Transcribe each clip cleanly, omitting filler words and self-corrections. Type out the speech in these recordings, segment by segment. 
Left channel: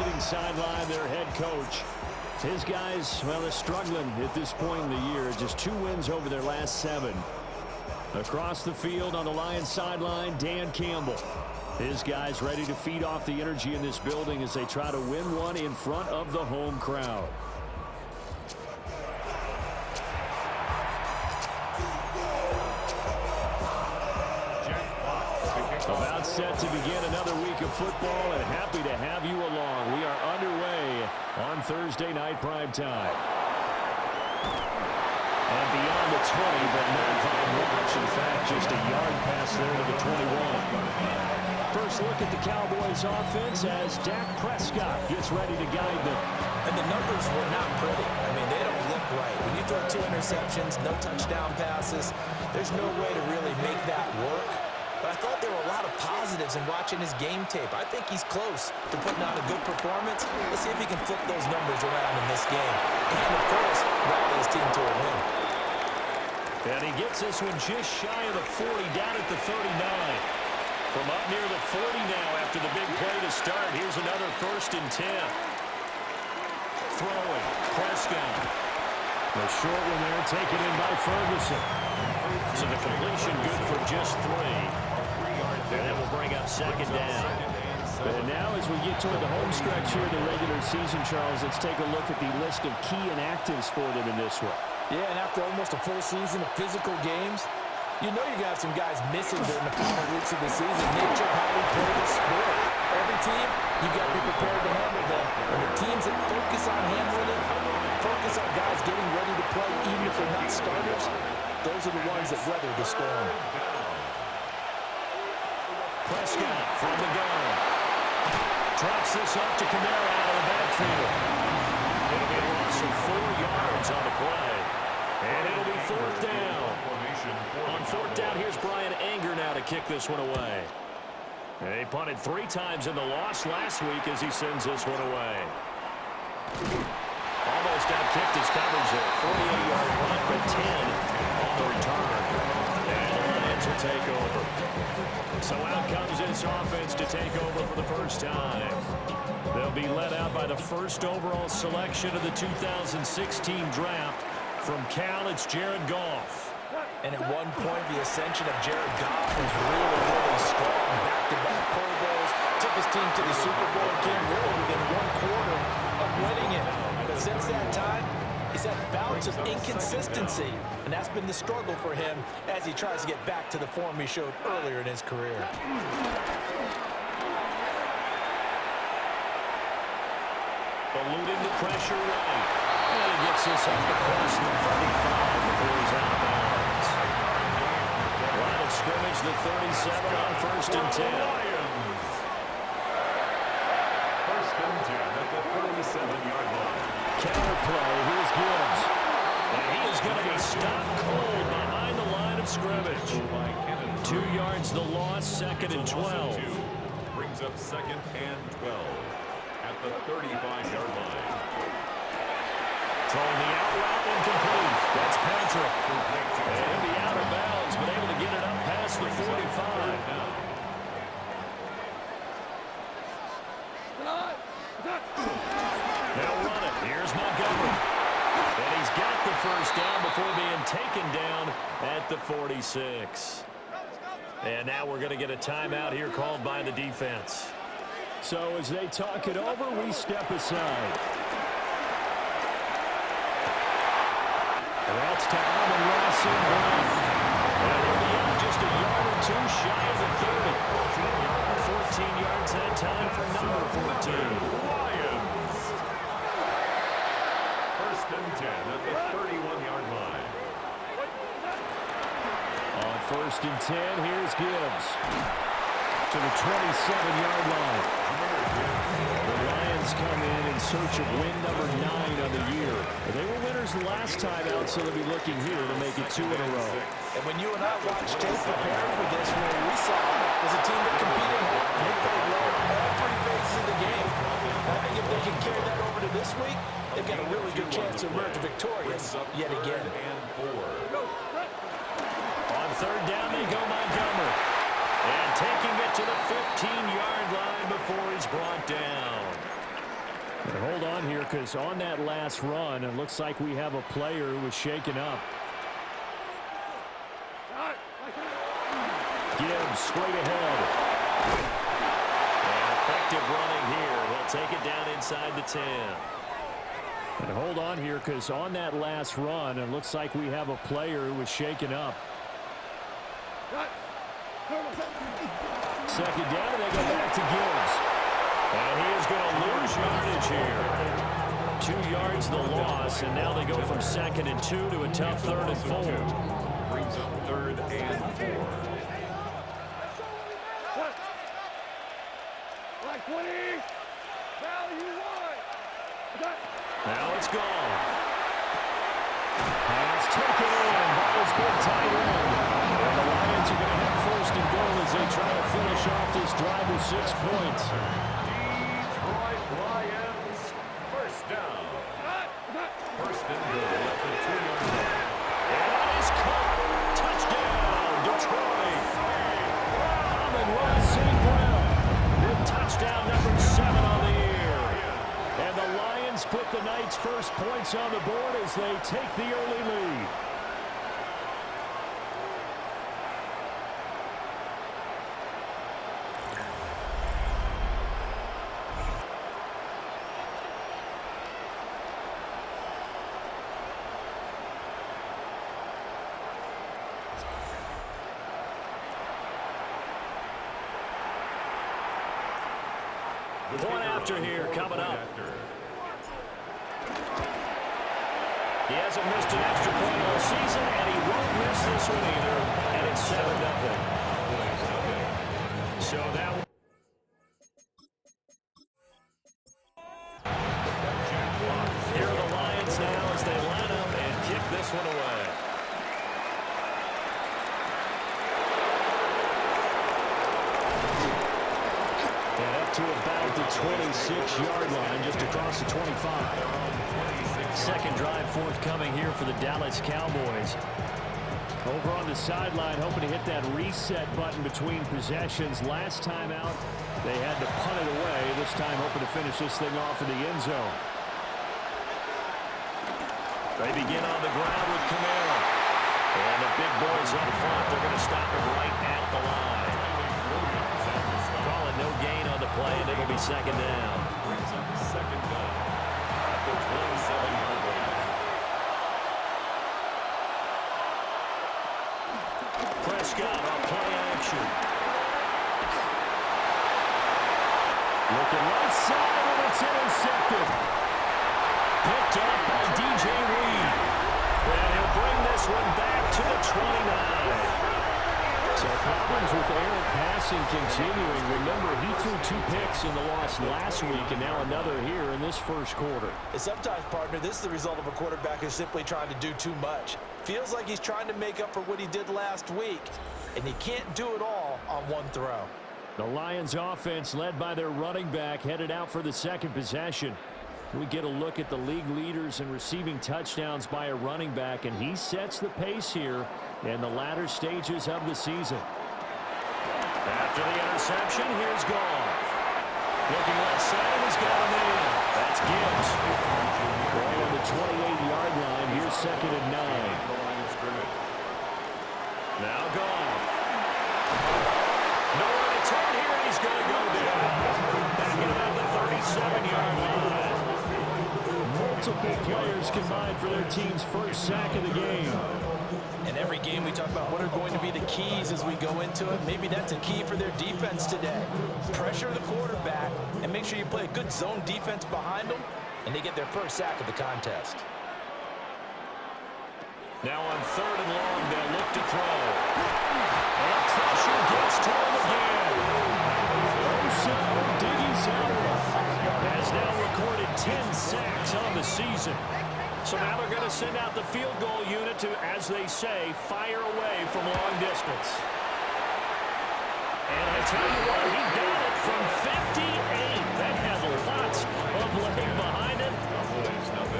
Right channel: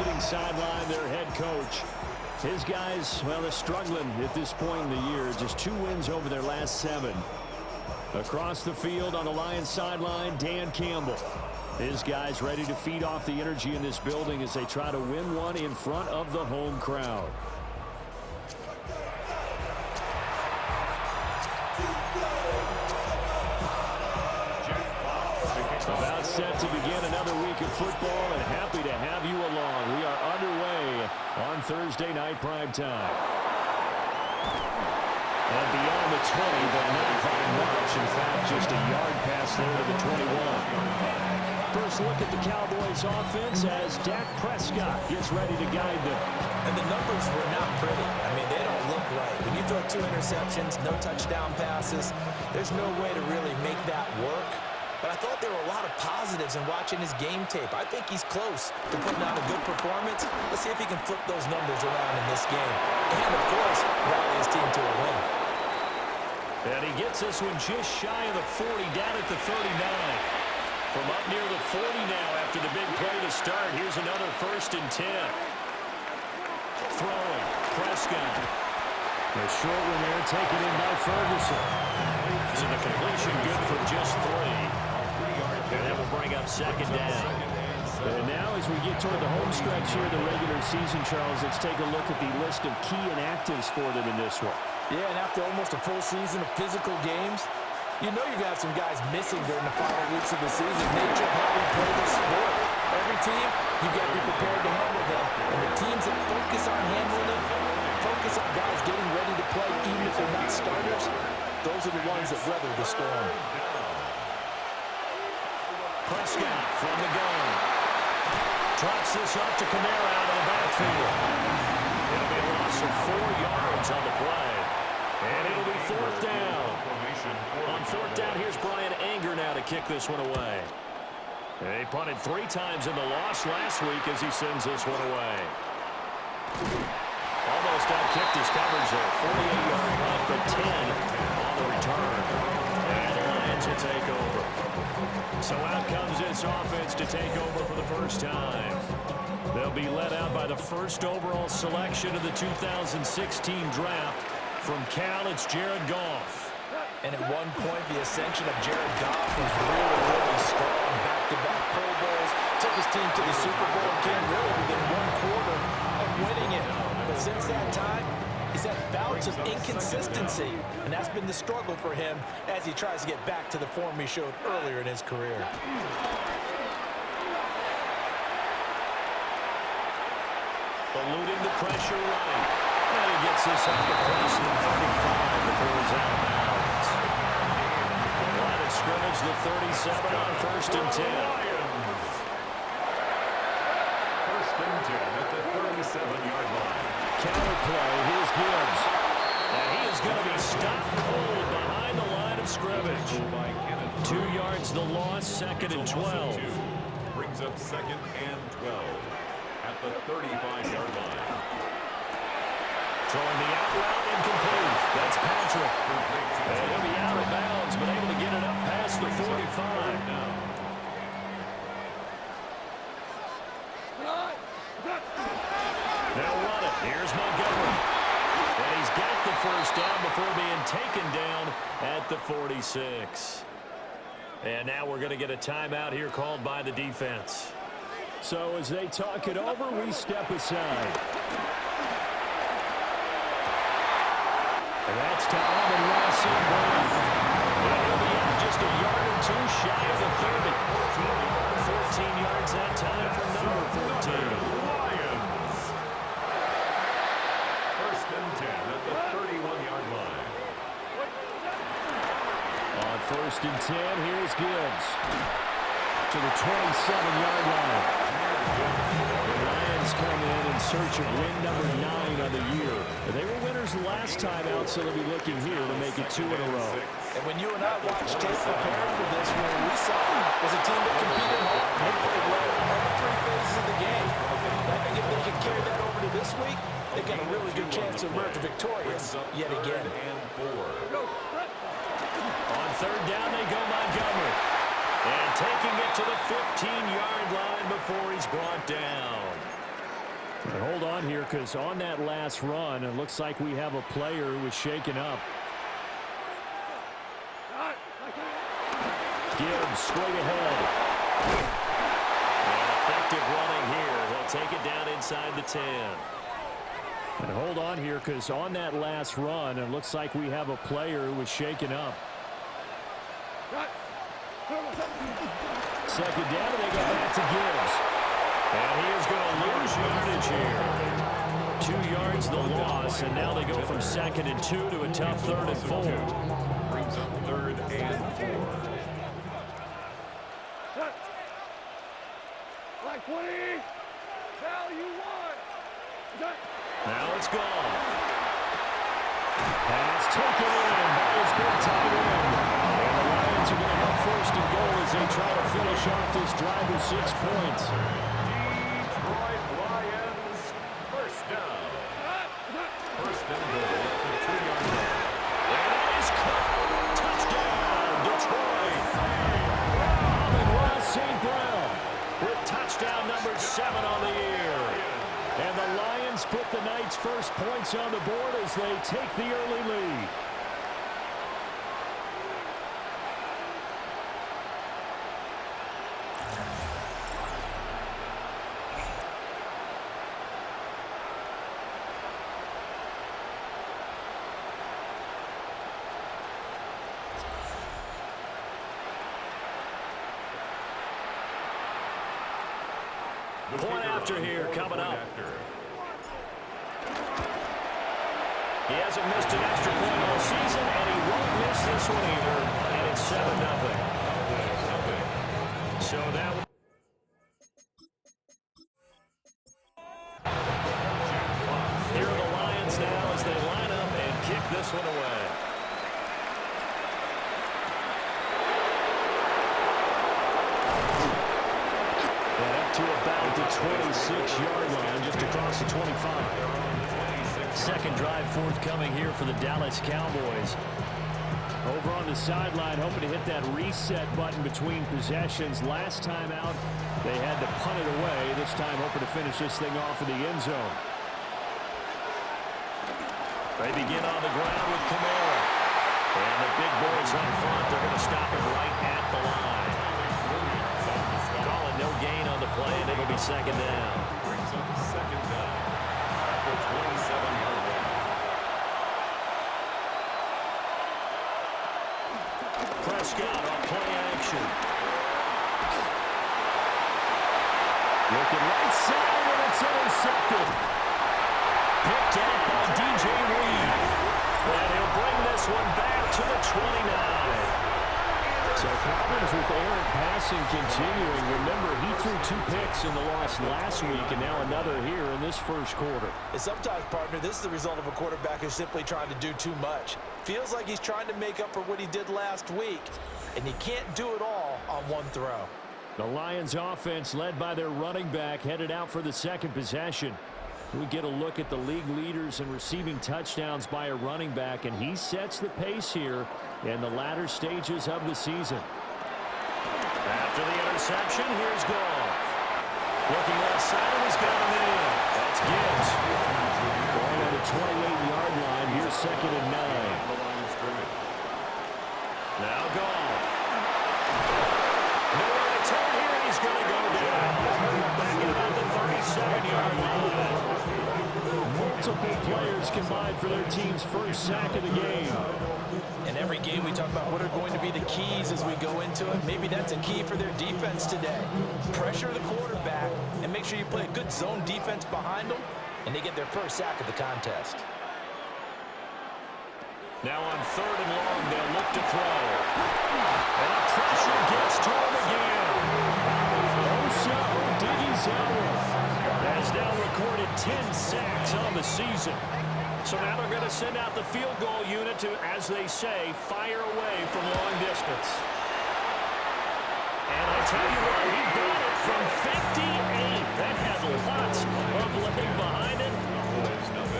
visiting sideline, their head coach. His guys, well, they're struggling at this point in the year. Just 2 wins over their last 7. Across the field on the Lions sideline, Dan Campbell. His guys ready to feed off the energy in this building as they try to win one in front of the home crowd. About set to begin another week of football, and happy to have you along. We are underway on Thursday night primetime. And beyond the 20, but not by much. In fact, just a yard pass there to the 21. First look at the Cowboys offense as Dak Prescott gets ready to guide them. And the numbers were not pretty. I mean, they don't look right. When you throw 2 interceptions, no touchdown passes, there's no way to really make that work. But I thought there were a lot of positives in watching his game tape. I think he's close to putting out a good performance. Let's see if he can flip those numbers around in this game. And, of course, rally his team to a win. And he gets this one just shy of the 40, down at the 39. From up near the 40 now after the big play to start. Here's another 1st and 10. Throwing, Prescott. The short one there taken in by Ferguson. So the completion good for just 3. And that will bring up 2nd down. And now as we get toward the home stretch here, the regular season, Charles, let's take a look at the list of key inactives for them in this one. Yeah, and after almost a full season of physical games, you know you're going to have some guys missing during the final weeks of the season. Nature of how we play this sport. Every team, you've got to be prepared to handle them. And the teams that focus on handling it, focus on guys getting ready to play even if they're not starters, those are the ones that weather the storm. Prescott from the gun. Drops this off to Kamara out of the backfield. It'll be a loss of 4 yards on the play. And it'll be 4th down. On 4th down, here's Brian Anger now to kick this one away. They punted 3 times in the loss last week as he sends this one away. Almost out-kicked his coverage there. 48-yard punt, but 10 on the return. And the Lions will take over. So out comes this offense to take over for the first time. They'll be led out by the 1st overall selection of the 2016 draft. From Cal, it's Jared Goff. And at one point, the ascension of Jared Goff was really, really strong. Back-to-back Pro Bowls, took his team to the Super Bowl, came really within 1 quarter of winning it. But since that time, he's had bouts of inconsistency, and that's been the struggle for him as he tries to get back to the form he showed earlier in his career. Eluding the pressure right. And he gets this up across the 35 before he's out of bounds. Line of scrimmage, the 37 on 1st and 10. 1st and 10 at the 37-yard line. Counter play, here's Gibbs. And he is going to be stopped cold behind the line of scrimmage. 2 yards the loss, 2nd and 12. Brings up 2nd and 12 at the 35-yard line. Throwing the out route incomplete. That's Patrick. And he'll be out of bounds, but able to get it up past the 45. They'll run it. Here's Montgomery. And he's got the 1st down before being taken down at the 46. And now we're going to get a timeout here called by the defense. So as they talk it over, we step aside. And that's to Amon-Ra St. Brown. And he'll be out just a yard or 2 shy of the 30. 14 yards that time for number 14. Lions. 1st and 10 at the 31-yard line. On 1st and 10, here's Gibbs to the 27-yard line. The Lions come in search of win number 9 on the year. They were winners last time out, so they'll be looking here to make it 2 in a row. And when you and I watched tape preparing for this, what we saw was a team that competed hard. They played well all 3 phases of the game. And I think if they can carry that over to this week, they've got a really good chance to emerge victorious yet again. On 3rd down, they go Montgomery. And taking it to the 15-yard line before he's brought down. And hold on here, because on that last run, it looks like we have a player who was shaken up. Gibbs straight ahead. And effective running here. They'll take it down inside the 10. And hold on here, because on that last run, it looks like we have a player who was shaken up. Second down, and they go back to Gibbs. And he is going to lose yardage here. 2 yards the loss, and now they go from 2nd and 2 to a tough 3rd and 4. Brings up 3rd and 4. Like 20. Value 1. Now it's gone. Pass taken in by his big tight end. And the Lions are going to have 1st and goal as they try to finish off this drive with 6 points. Detroit Lions, 1st down. 1st and goal at the 2-yard line. And that is caught. Touchdown, Detroit. Amon-Ra St. Brown with touchdown number 7 on the year. And the Lions put the Knights' first points on the board as they take the early lead. Point after here coming up. He hasn't missed an extra point all season, and he won't miss this one either. And it's 7-0. So that. Here are the Lions now as they line up and kick this one away. And up to about the 26-yard line, just across the 25. Second drive forthcoming here for the Dallas Cowboys. Over on the sideline, hoping to hit that reset button between possessions. Last time out, they had to punt it away. This time, hoping to finish this thing off in the end zone. They begin on the ground with Kamara. And the big boys up front, they're going to stop him right at the line. Calling no gain on the play, and it'll be 2nd down. Brings up 2nd down at the 27-yard line. Prescott on play action. Looking right side, and it's intercepted. Picked up by DJ Reed. And he'll bring this one back to the 29. So problems with errant passing continuing. Remember, he threw 2 picks in the loss last week, and now another here in this first quarter. And sometimes, partner, this is the result of a quarterback who's simply trying to do too much. Feels like he's trying to make up for what he did last week, and he can't do it all on one throw. The Lions offense, led by their running back, headed out for the second possession. We get a look at the league leaders in receiving touchdowns by a running back, and he sets the pace here in the latter stages of the season. After the interception, here's Goff. Looking left side, and he's got him in. That's Gibbs. Ball on the 28-yard line. Here's 2nd and 9. Now Goff. Nowhere to turn here, and he's going to go down. Back at about the 37-yard line. Multiple players combined for their team's first sack of the game. In every game, we talk about what are going to be the keys as we go into it. Maybe that's a key for their defense today. Pressure the quarterback and make sure you play a good zone defense behind them, and they get their first sack of the contest. Now on 3rd and long, they'll look to throw. And the pressure gets to him again. Osa Odighizuwa has now recorded 10 sacks on the season. So now they're going to send out the field goal unit to, as they say, fire away from long distance. And I tell you what, he got it from 58. That has lots of leg behind it.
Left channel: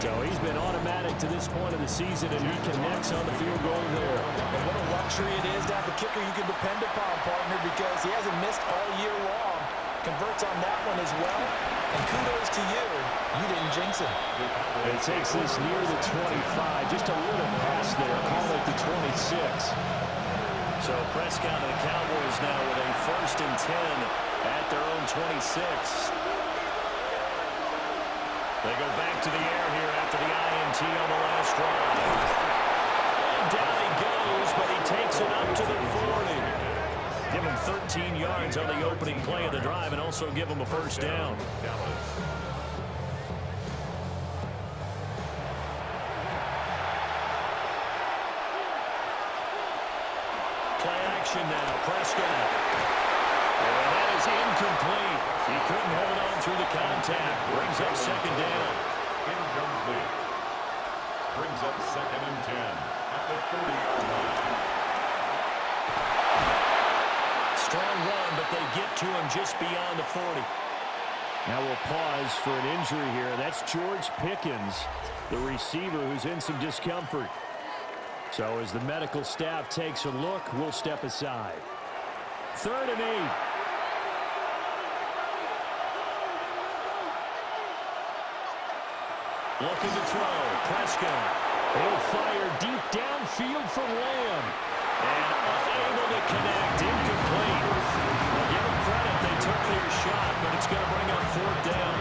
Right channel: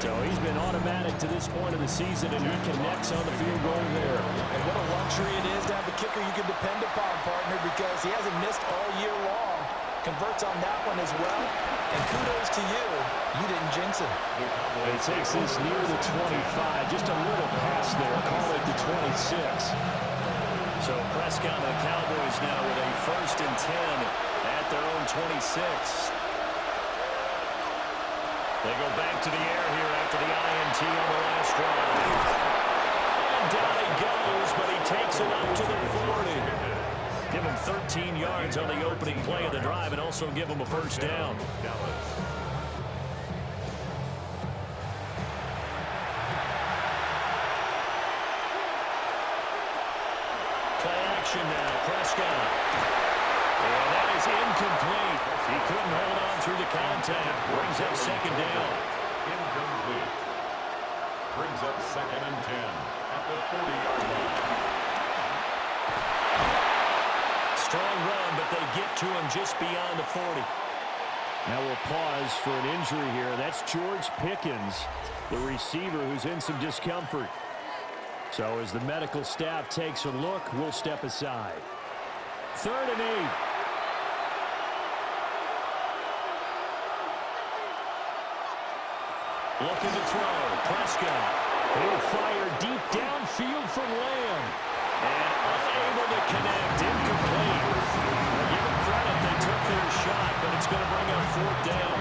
So he's been automatic to this point of the season, and he connects on the field goal there. And what a luxury it is to have a kicker you can depend upon, partner, because he hasn't missed all year long. Converts on that one as well. And kudos to you. You didn't jinx him. It takes this near the 25. Just a little pass there. Call it the 26. So Prescott and the Cowboys now with a 1st and 10 at their own 26. They go back to the air here after the INT on the last drive. And down he goes, but he takes it up to the 40. Give him 13 yards on the opening play of the drive and also give him a 1st down. Play action now, Prescott. And that is incomplete. He couldn't hold on through the contact. Brings up 2nd down. Incomplete. Brings up 2nd and 10 at the 40-yard line. Strong run, but they get to him just beyond the 40. Now we'll pause for an injury here. That's George Pickens, the receiver who's in some discomfort. So as the medical staff takes a look, we'll step aside. 3rd and 8. Looking to throw. Prescott. He'll fire deep downfield for Lamb. And unable to connect. Incomplete. Well, give them credit. They took their shot, but it's going to bring up 4th down.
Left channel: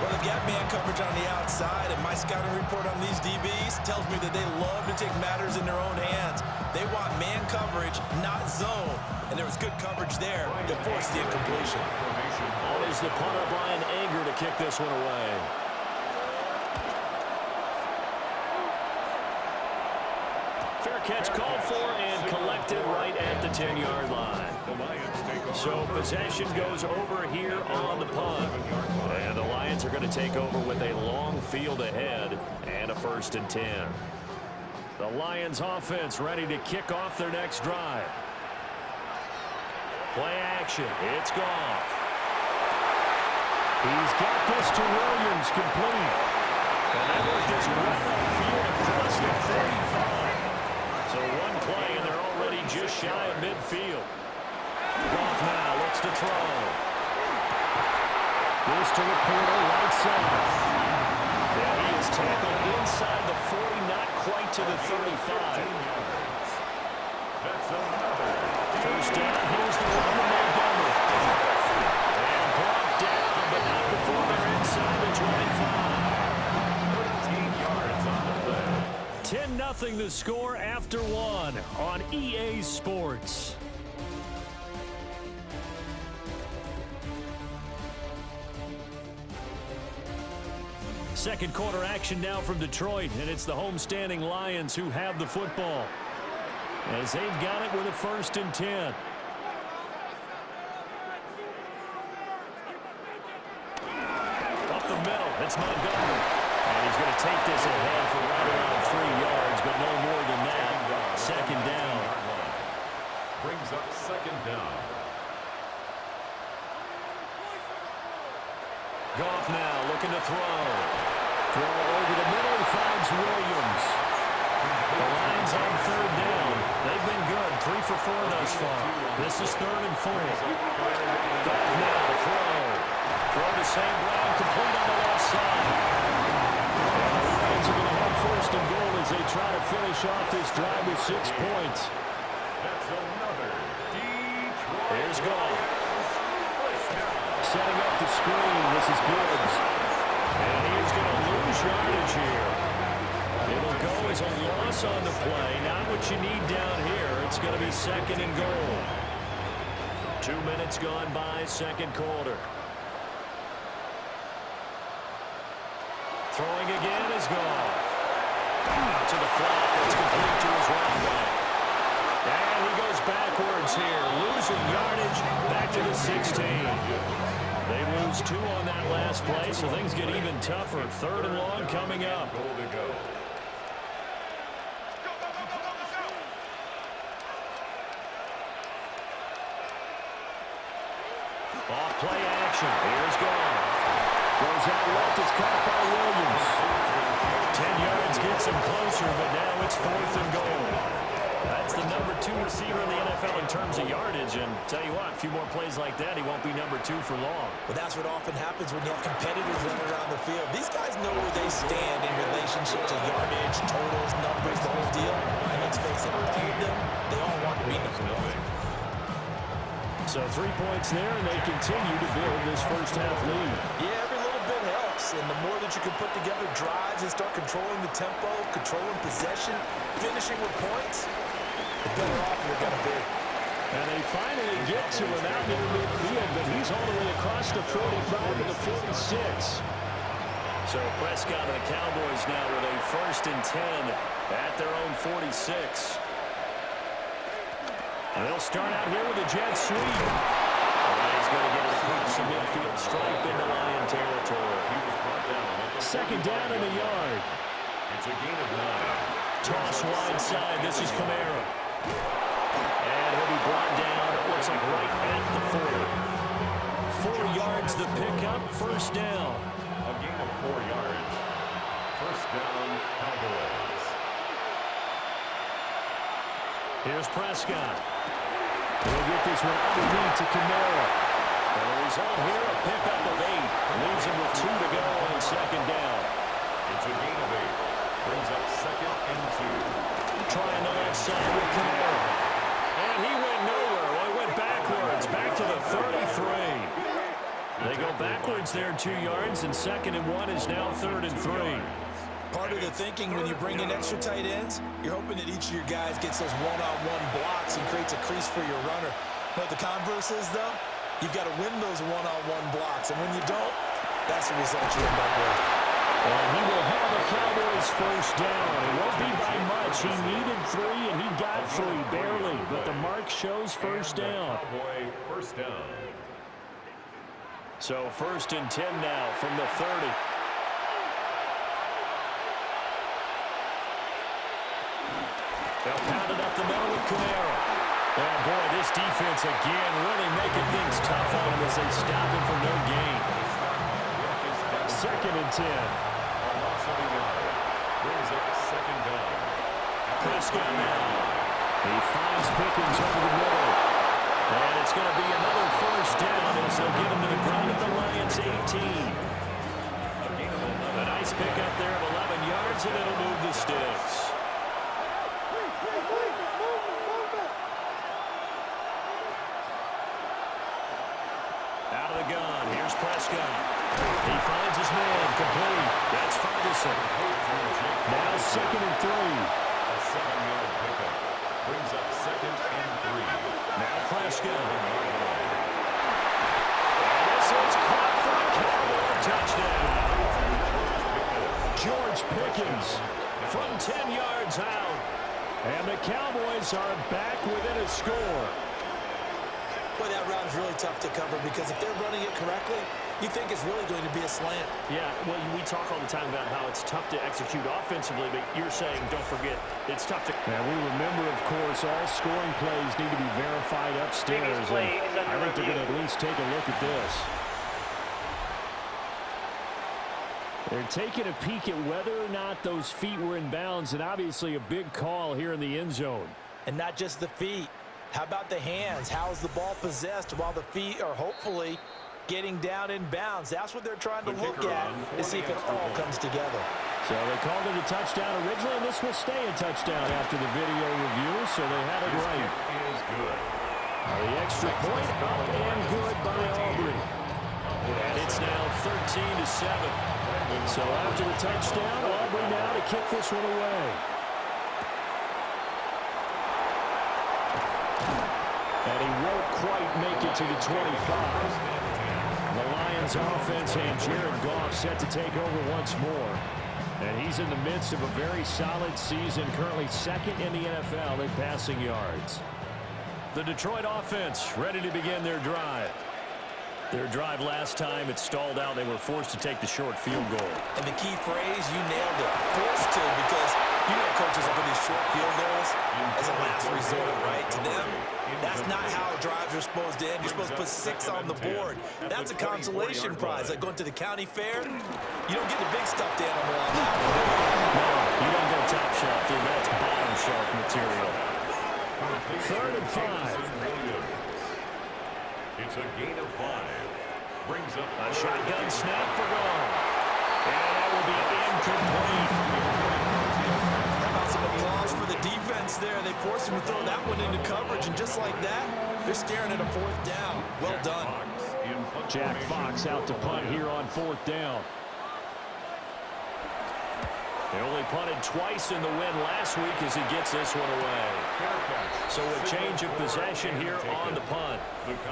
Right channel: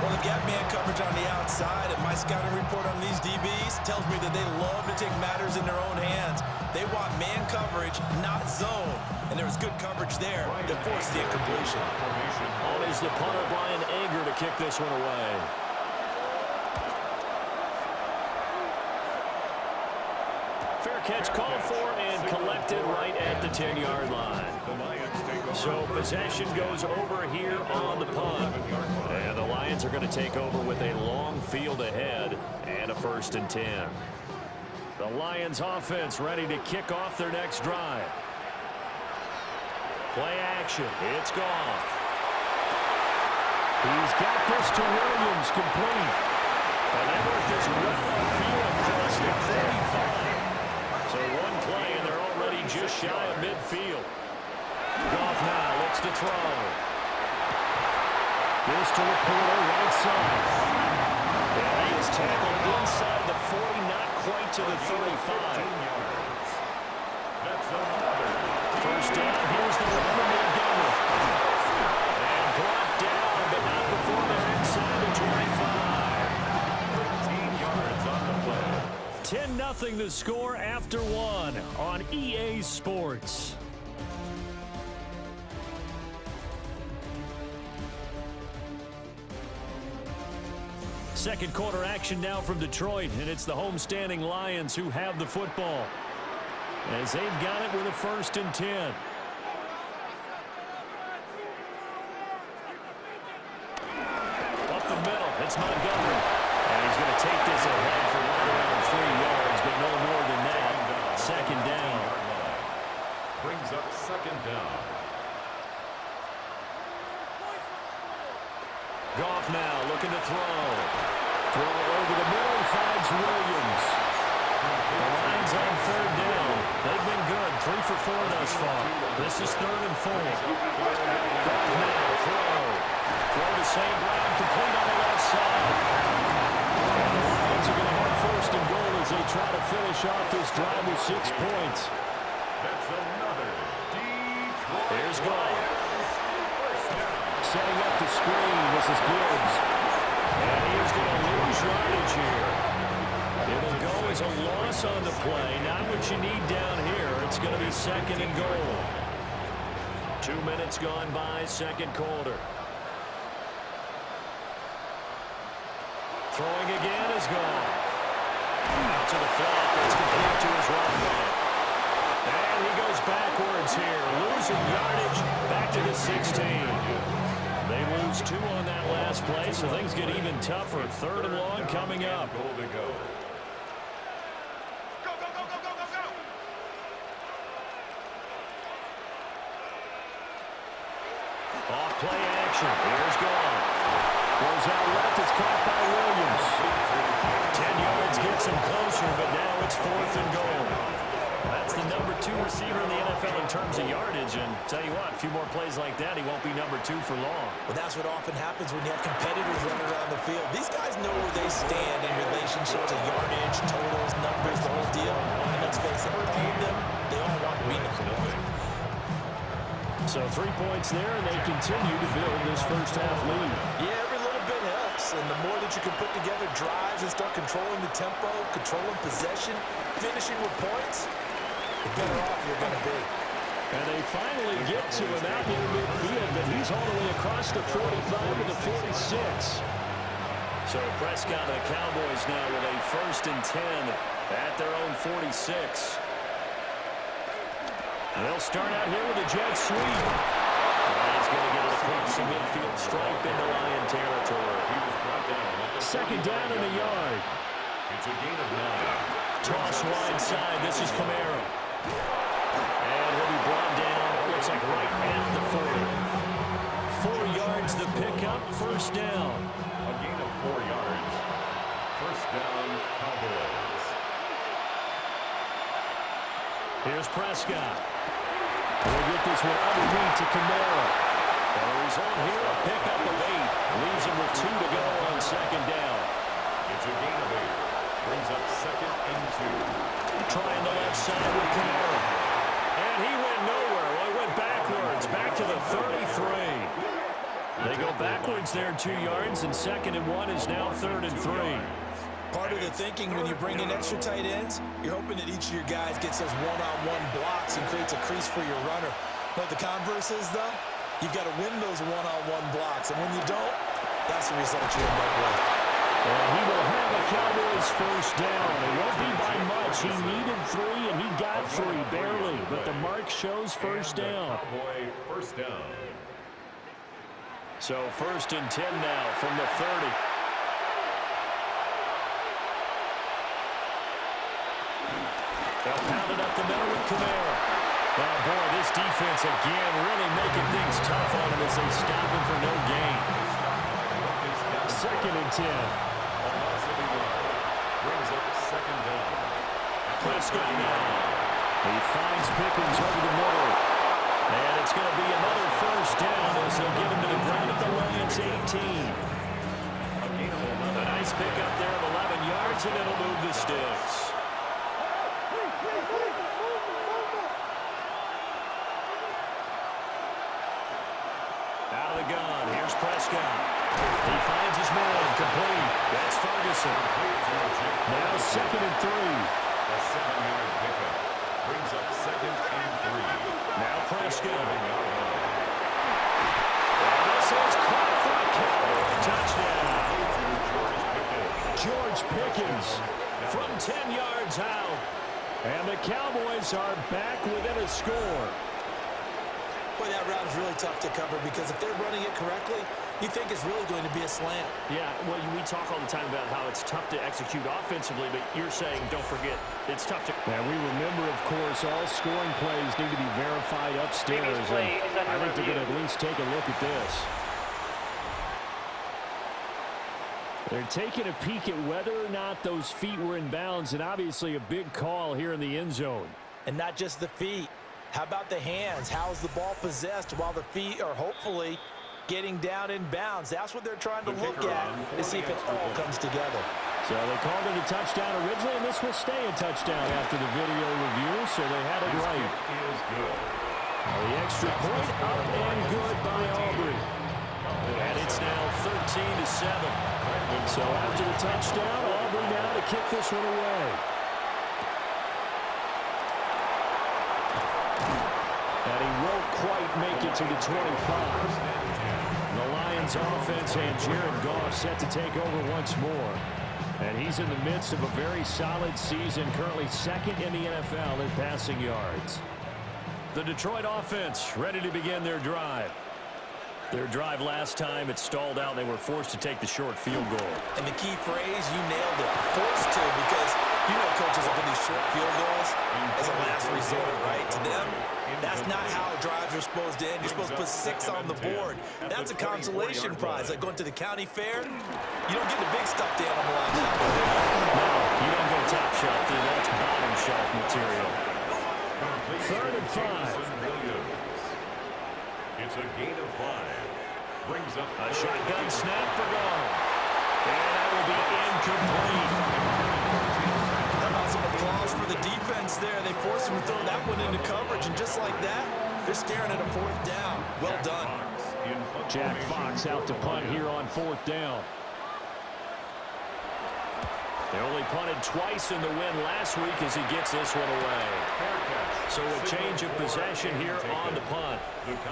Well, they've got man coverage on the outside, and my scouting report on these DBs tells me that they love to take matters in their own hands. They want man coverage, not zone. And there was good coverage there that forced the incompletion. On is the punter, Brian Anger, to kick this one away. Fair catch called for and collected right at the 10-yard line. So possession goes over here on the punt. And the Lions are going to take over with a long field ahead and a 1st and 10. The Lions offense ready to kick off their next drive. Play action. It's Goff. He's got this to Williams, complete. And they work this well upfield across the 45. So one play, and they're already just shy of midfield. Goff now looks to throw. This to Laporta, right side. And he is tackled inside the 40, not quite to the 35. That's another 1st down, here's the run to Montgomery. And brought down, but not before they're inside the 25. 13 yards on the play. 10-0 the score after 1 on EA Sports. Second quarter action now from Detroit, and it's the homestanding Lions who have the football as they've got it with a 1st and 10. Up the middle, it's Montgomery. And he's going to take this ahead for right around 3 yards, but no more than that. 2nd down. Brings up 2nd down. Goff now looking to throw. Throw over the middle. He finds Williams. The Lions on 3rd down. They've been good. 3 for 4 thus far. This is 3rd and 4. Goff now throw. Throw to St. Brown, complete on the left side. And the Lions are going to have 1st and goal as they try to finish off this drive with 6 points. That's another Detroit. Here's Goff. First down. Setting up the screen. This is Gibbs. And he is going to lose yardage here. It'll go as a loss on the play. Not what you need down here. It's going to be 2nd and goal. 2 minutes gone by, 2nd quarter. Throwing again is Goff. Out to the flat. That's complete to his right back. And he goes backwards here. Losing yardage back to the 16. They lose 2 on that last play, so things get even tougher. 3rd and long coming up. Goal to go. Off play action. Here's Goff. Goes out left. It's caught by Williams. 10 yards gets him closer, but now it's 4th and goal. That's the number 2 receiver in the NFL in terms of yardage. And tell you what, a few more plays like that, he won't be number 2 for long. Well, that's what often happens when you have competitors running around the field. These guys know where they stand in relationship to yardage, totals, numbers, the whole deal. And let's face it, all of them, they all want to be number 1. So 3 points there, and they continue to build this first half lead. Yeah, every little bit helps. And the more that you can put together drives and start controlling the tempo, controlling possession, finishing with points, the better off you're going to be. And they finally get to him out near midfield, but he's all the way across the 45 to the 46. So Prescott and the Cowboys now with a 1st and 10 at their own 46. And they'll start out here with a jet sweep. And he's going to get it across the midfield stripe into Lion territory. He was brought down at the 2nd down and a yard. It's a gain of 9. Toss wide side. This is Kamara. And he'll be brought down, it looks like right at the 40. 4 yards the pickup, 1st down. A gain of 4 yards. 1st down, Cowboys. Here's Prescott. We'll get this one underneath to Kamara. And the result here, a pickup of 8. Leaves him with 2 to go on 2nd down. It's a gain of 8. Brings up 2nd and 2. Trying the left side with Kamara. And he went nowhere. Well, he went backwards, back to the 33. They go backwards there 2 yards, and 2nd and 1 is now 3rd and 3. Part of the thinking when you bring in extra tight ends, you're hoping that each of your guys gets those one-on-one blocks and creates a crease for your runner. But the converse is, though, you've got to win those one-on-one blocks. And when you don't, that's the result you end up with. And he will have a Cowboys 1st down. It won't be by much. He needed 3, and he got 3, barely. But the mark shows 1st down. Cowboy 1st down. So 1st and 10 now from the 30. They'll pound it up the middle with Kamara. Oh, boy, this defense again really making things tough on him as they stop him for no gain. 2nd and 10. A loss of a yard. Brings up 2nd down. Prescott now. He finds Pickens over the middle. And it's going to be another 1st down as they'll get him to the ground at the Lions 18. A gain of 11. A nice pickup there of 11 yards, and it'll move the sticks. Out of the gun, here's Prescott. He finds his man, complete. That's Ferguson. Now 2nd and 3. A 7-yard pickup. Brings up 2nd and 3. Now Prescott. And this is caught for a Cowboy touchdown. George Pickens from 10 yards out. And the Cowboys are back within a score. Boy, that route is really tough to cover because if they're running it correctly, you think it's really going to be a slant. Yeah, well, we talk all the time about how it's tough to execute offensively, but you're saying, don't forget, it's tough to... Now, we remember, of course, all scoring plays need to be verified upstairs. And I think they're going to at least take a look at this. They're taking a peek at whether or not those feet were in bounds, and obviously a big call here in the end zone. And not just the feet. How about the hands? How's the ball possessed while the feet are hopefully getting down in bounds? That's what they're trying to look at to see if it all comes together. So they called it a touchdown originally, and this will stay a touchdown after the video review, so they had it right. Is good. The extra point up and good by Aubrey. And it's now 13-7. So after the touchdown, Aubrey now to kick this one away. And he won't quite make it to the 25. The Lions offense and Jared Goff set to take over once more. And he's in the midst of a very solid season, currently 2nd in the NFL in passing yards. The Detroit offense ready to begin their drive. Their drive last time, it stalled out. They were forced to take the short field goal. And the key phrase, you nailed it. Forced to, because you know coaches look at these short field goals as a last resort, right? To them, that's not how drives are supposed to end. You're supposed to put 6 on the board. That's a consolation prize. Like going to the county fair, you don't get the big stuffed animal on that one, do you? No, you don't go top shelf, dude. That's bottom shelf material. 3rd and 5. It's a gain of 5. Brings up a shotgun snap for goal. And that will be incomplete. How about some applause for the defense there? They forced him to throw that one into coverage, and just like that, they're staring at a 4th down. Well done. Jack Fox out to punt here on 4th down. They only punted twice in the win last week as he gets this one away. So a change of possession here on the punt.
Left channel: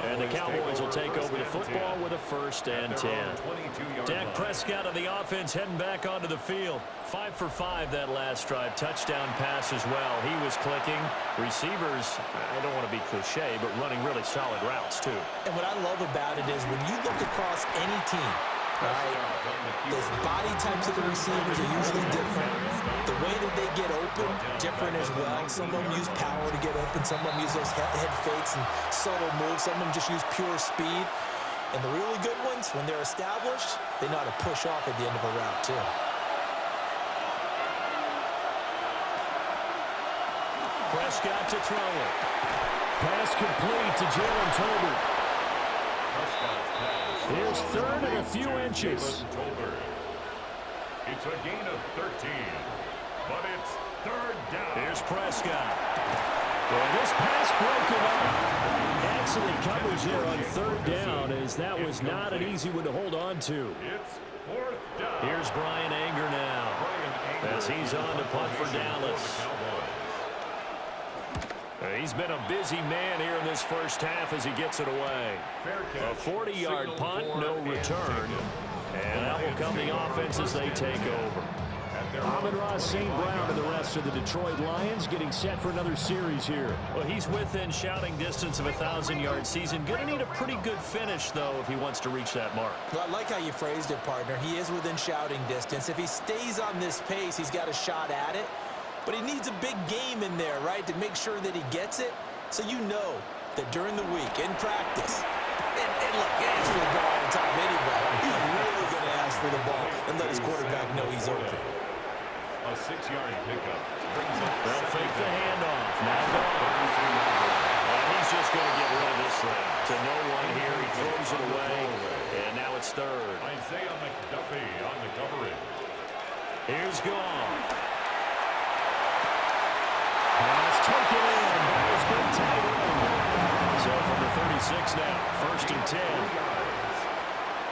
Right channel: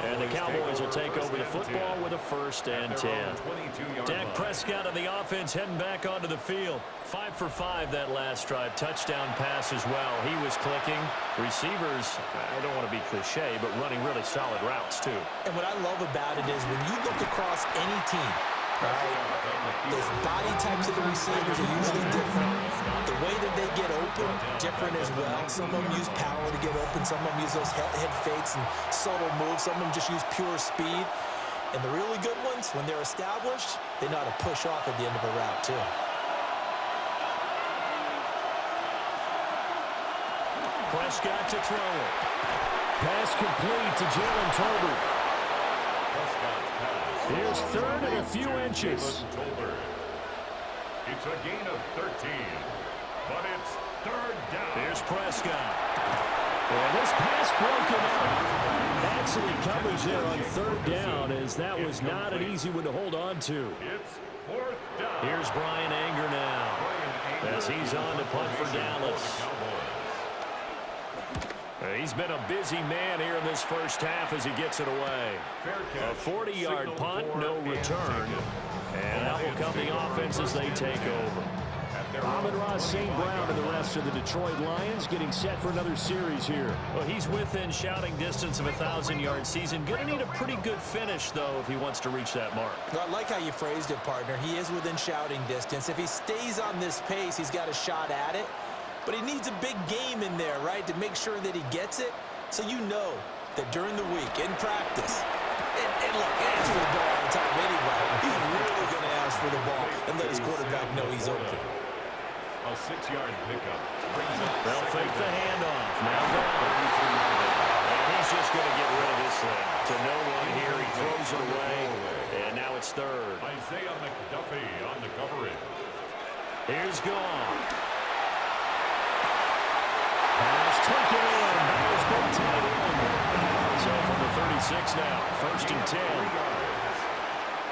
And the Cowboys will take over the football with a 1st and 10. Dak Prescott of the offense heading back onto the field. 5 for 5 that last drive. Touchdown pass as well. He was clicking. Receivers, I don't want to be cliche, but running really solid routes too. And what I love about it is when you look across any team, all right, the body types of the receivers are usually different. The way that they get open, different as well. Some of them use power to get open. Some of them use those head fakes and subtle moves. Some of them just use pure speed. And the really good ones, when they're established, they know how to push off at the end of a route, too. Prescott to throw it. Pass complete to Jalen Tolbert. Here's 3rd and a few inches. It's a gain of 13, but it's 3rd down. Here's Prescott. And this pass broken up. Excellent coverage there on 3rd down, as that was not an easy one to hold on to. It's 4th down. Here's Brian Anger now, as he's on to punt for Dallas. He's been a busy man here in this first half as he gets it away. A 40-yard punt, no return. And that will come the offense as they take over. Amon-Ra St. Brown and the rest of the Detroit Lions getting set for another series here. Well, he's within shouting distance of a 1,000-yard season. Going to need a pretty good finish, though, if he wants to reach that mark. Well, I like how you phrased it, partner. He is within shouting distance. If he stays on this pace, he's got a shot at it. But he needs a big game in there, right, to make sure that he gets it. So you know that during the week, in practice, and look, he asks for the ball all the time anyway. He's really going to ask for the ball and let his quarterback know he's open. A 6-yard pickup brings up. They'll fake the handoff. Now gone. And he's just going to get rid of this thing. To no one here. He throws it away. And now it's 3rd. Isaiah McDuffie on the coverage. Here's Goff. Pass taken in by his big tight end. So from the 36 now, 1st and 10.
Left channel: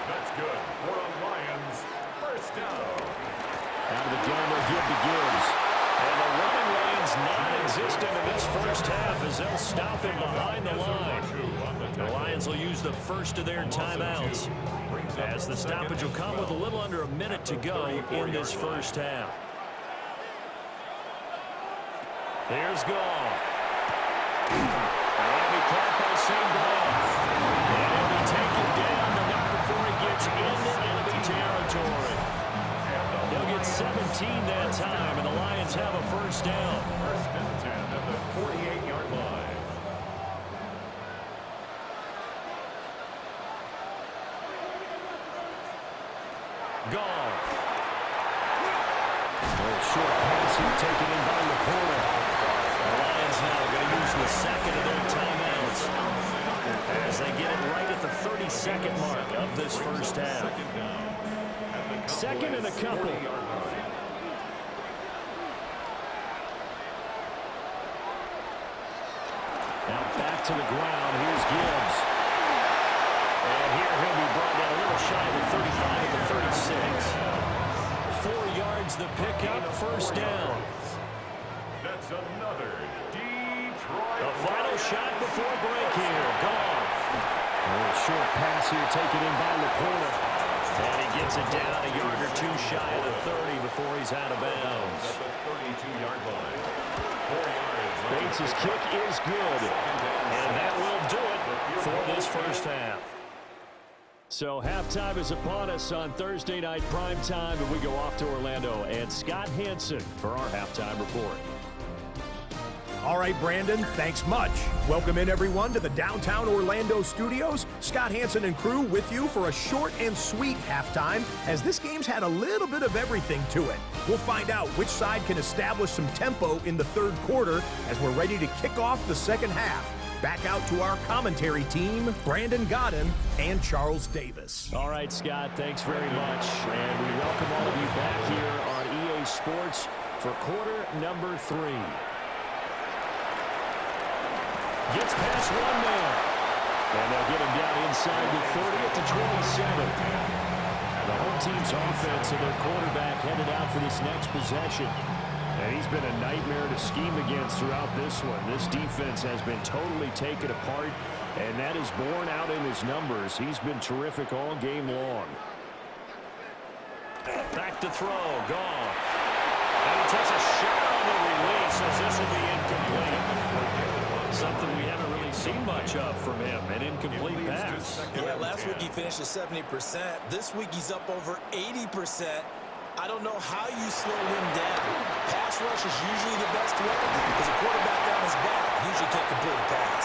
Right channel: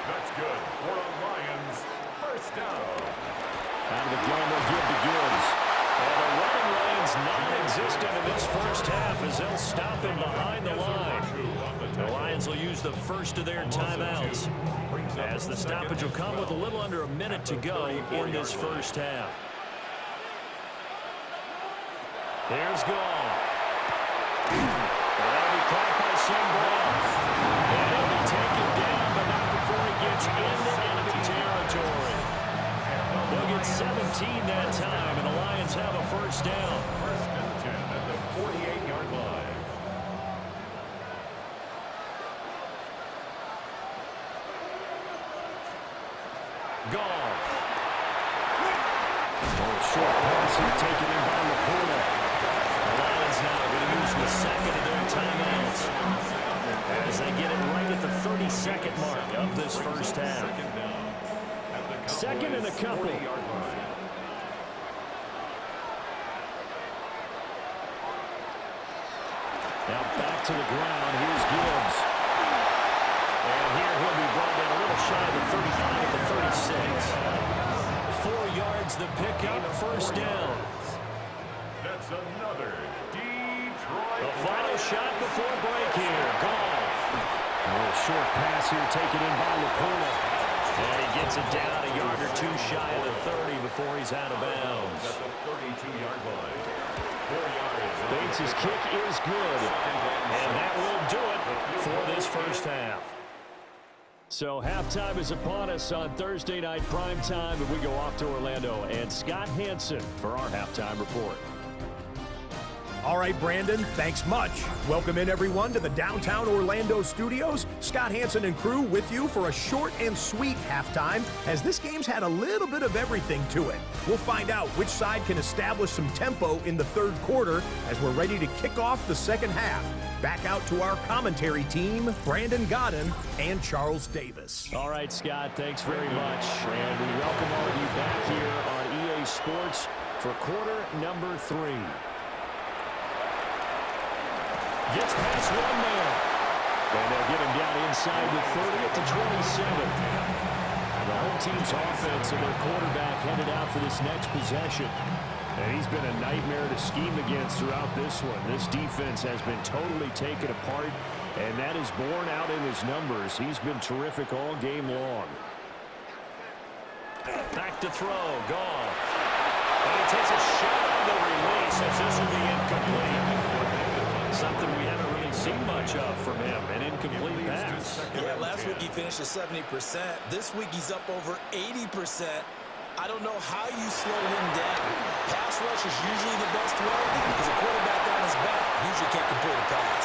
That's good for a Lions 1st down. Out of the gun, they'll give to Gibbs. And the running lane's non-existent in this first half as they'll stop him behind the line. The Lions will use the first of their timeouts as the stoppage will come with a little under a minute to go in this first half. Here's Goff. That'll be caught by St. Brown. And he'll be taken down, but not before he gets into enemy territory. He'll get 17 that time, and the Lions have a 1st down. 1st and 10 at the 48-yard line. Goff. Short pass here taken in by Laporta. The Lions now going to use the 2nd of their timeouts as they get it right at the 32nd mark of this first half. 2nd and a couple. Now back to the ground. Here's Gibbs. And here he'll be brought down a little shy of the 35 at the 36. 4 yards the pickup, 1st down. That's another Detroit. The final shot before break here. Goff. A little short pass here taken in by Laporta. And he gets it down a yard or two shy of the 30 before he's out of bounds. At the 32-yard line. 4 yards. Bates' kick is good. And that will do it for this first half. So halftime is upon us on Thursday night primetime, and we go off to Orlando and Scott Hansen for our halftime report. All right, Brandon, thanks much. Welcome in, everyone, to the downtown Orlando studios. Scott Hansen and crew with you for a short and sweet halftime, as this game's had a little bit of everything to it. We'll find out which side can establish some tempo in the third quarter as we're ready to kick off the second half. Back out to our commentary team, Brandon Godden and Charles Davis. All right, Scott, thanks very much. And we welcome all of you back here on EA Sports for quarter number 3. Gets past one man. And they'll get him down inside the 30 at the 27. The home team's offense and their quarterback headed out for this next possession. And he's been a nightmare to scheme against throughout this one. This defense has been totally taken apart, and that is borne out in his numbers. He's been terrific all game long. Back to throw. Goff. And he takes a shot on the release as this will be incomplete. Something we haven't really seen much of from him, an incomplete pass. Yeah, last week he finished at 70%. This week he's up over 80%. I don't know how you slow him down. Pass rush is usually the best way because a quarterback on his back usually can't complete a pass.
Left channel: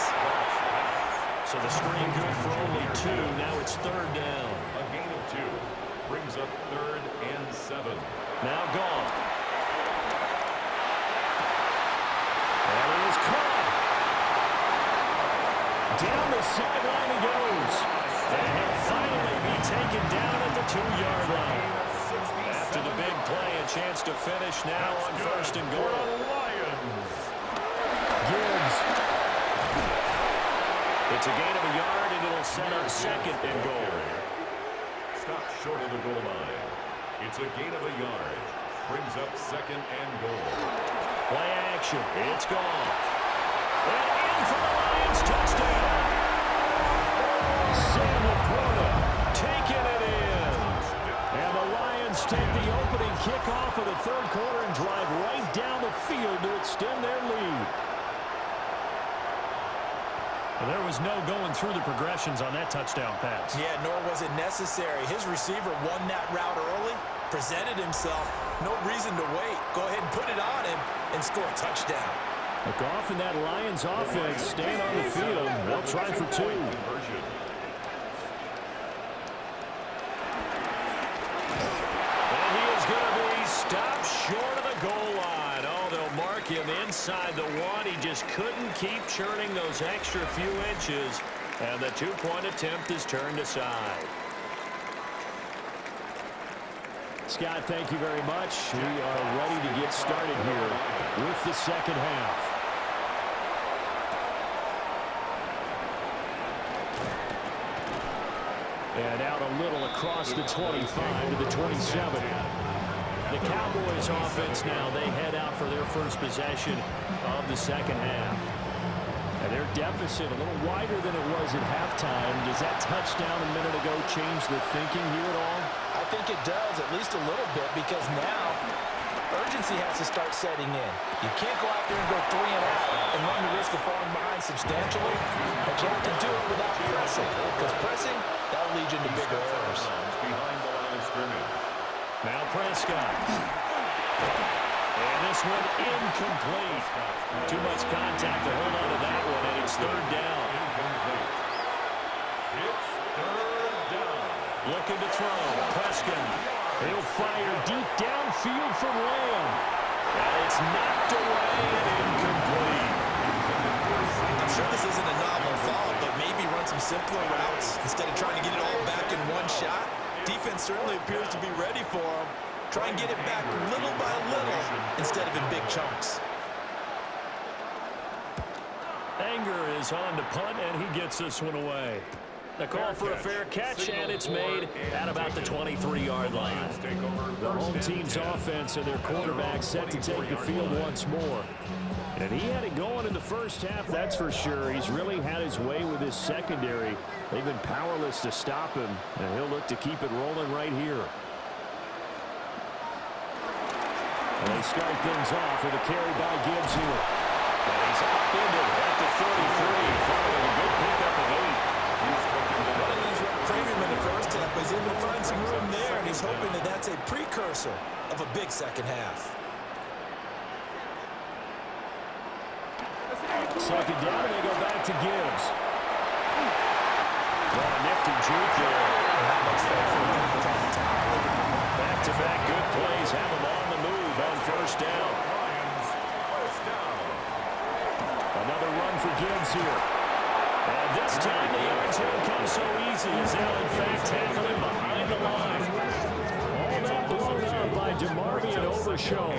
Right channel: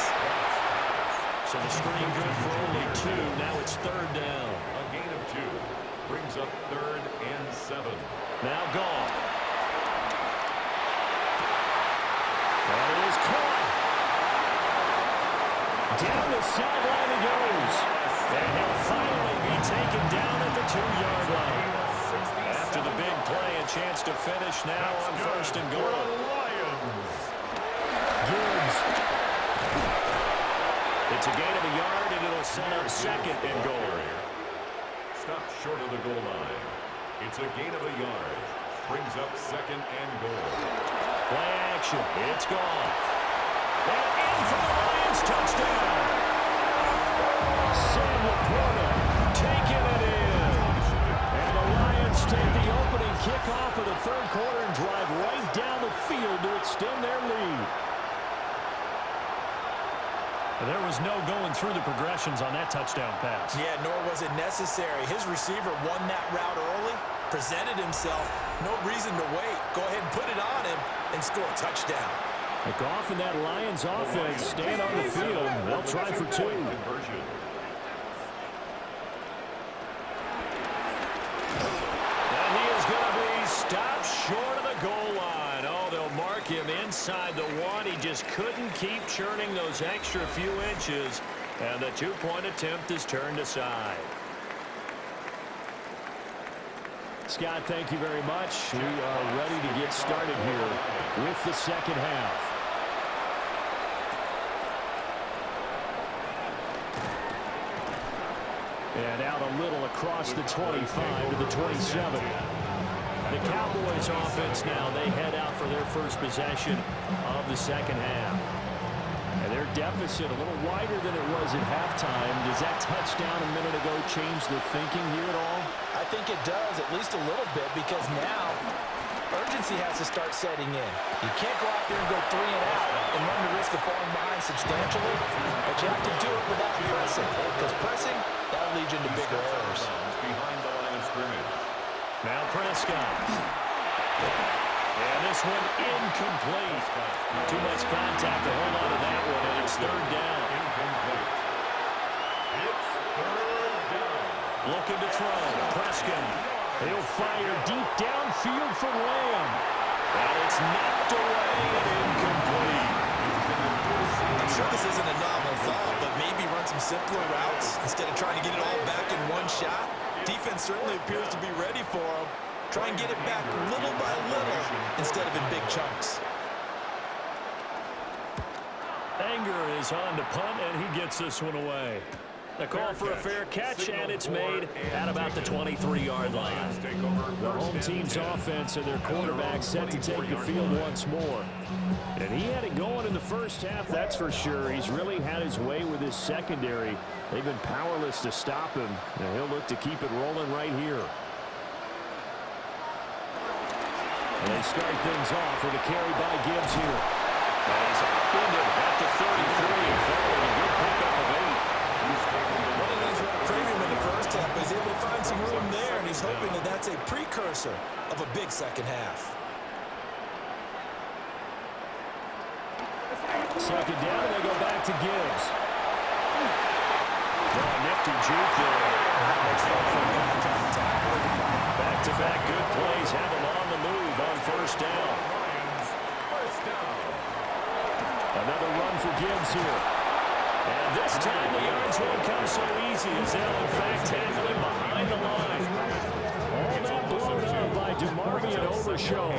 So the screen good for only 2. Now it's third down. A gain of 2 brings up 3rd and 7. Now Goff. That is caught. Down the sideline he goes. And he'll finally be taken down at the 2-yard line. After the big play, a chance to finish now on 1st and goal. Gibbs. It's a gain of a yard, and it'll set up 2nd and goal. Stop short of the goal line. It's a gain of a yard. Brings up 2nd and goal. Play action. It's Goff. And in for the Lions touchdown. Sam Laporta taking it in. And the Lions take the opening kickoff of the third quarter and drive right down the field to extend their lead. And there was no going through the progressions on that touchdown pass. Yeah, nor was it necessary. His receiver won that route early, presented himself. No reason to wait. Go ahead and put it on him and score a touchdown. Goff and that Lions offense stand on the field. They'll try for 2. And he is going to be stopped short of the goal line. Oh, they'll mark him inside the 1. He just couldn't keep churning those extra few inches. And the 2-point attempt is turned aside. Scott, thank you very much. We are ready to get started here with the second half. And out a little across the 25 to the 27. The Cowboys offense now, they head out for their first possession of the second half. And their deficit a little wider than it was at halftime. Does that touchdown a minute ago change the thinking here at all? I think it does, at least a little bit, because now urgency has to start setting in. You can't go out there and go 3 and out and run the risk of falling behind substantially, but you have to do it without pressing, because pressing, that'll lead you into bigger errors. Behind the line of scrimmage. Now Prescott. And this one incomplete. Too much contact to hold on to that one, and it's third down. Incomplete. It's third down. Looking to throw. Prescott. He'll fire deep downfield for Lamb. And it's knocked away and incomplete. I'm sure this isn't a novel thought, but maybe run some simpler routes instead of trying to get it all back in one shot. Defense certainly appears to be ready for him. Try and get it back little by little instead of in big chunks. Anger is on to punt, and he gets this one away. The call for a fair catch, and it's made at about the 23-yard line. The home team's offense and their quarterback set to take the field once more. And he had it going in the first half, that's for sure. He's really had his way with his secondary. They've been powerless to stop him, and he'll look to keep it rolling right here. And they start things off with a carry by Gibbs here. And he's upended at the 33, following a good pickup of 8. Running these premium in the first half, but he's able to find some room there, and he's hoping that that's a precursor of a big second half. Second down, and they go back to Gibbs. Oh, nifty juke there. Not much fun for a guy trying to tackle it. Back-to-back good plays have them on the move on first down. Lions, first down. Another run for Gibbs here. And this time the yards won't come so easy as they'll in fact tackle him behind the line. All that blown up by DeMarvion Overshown.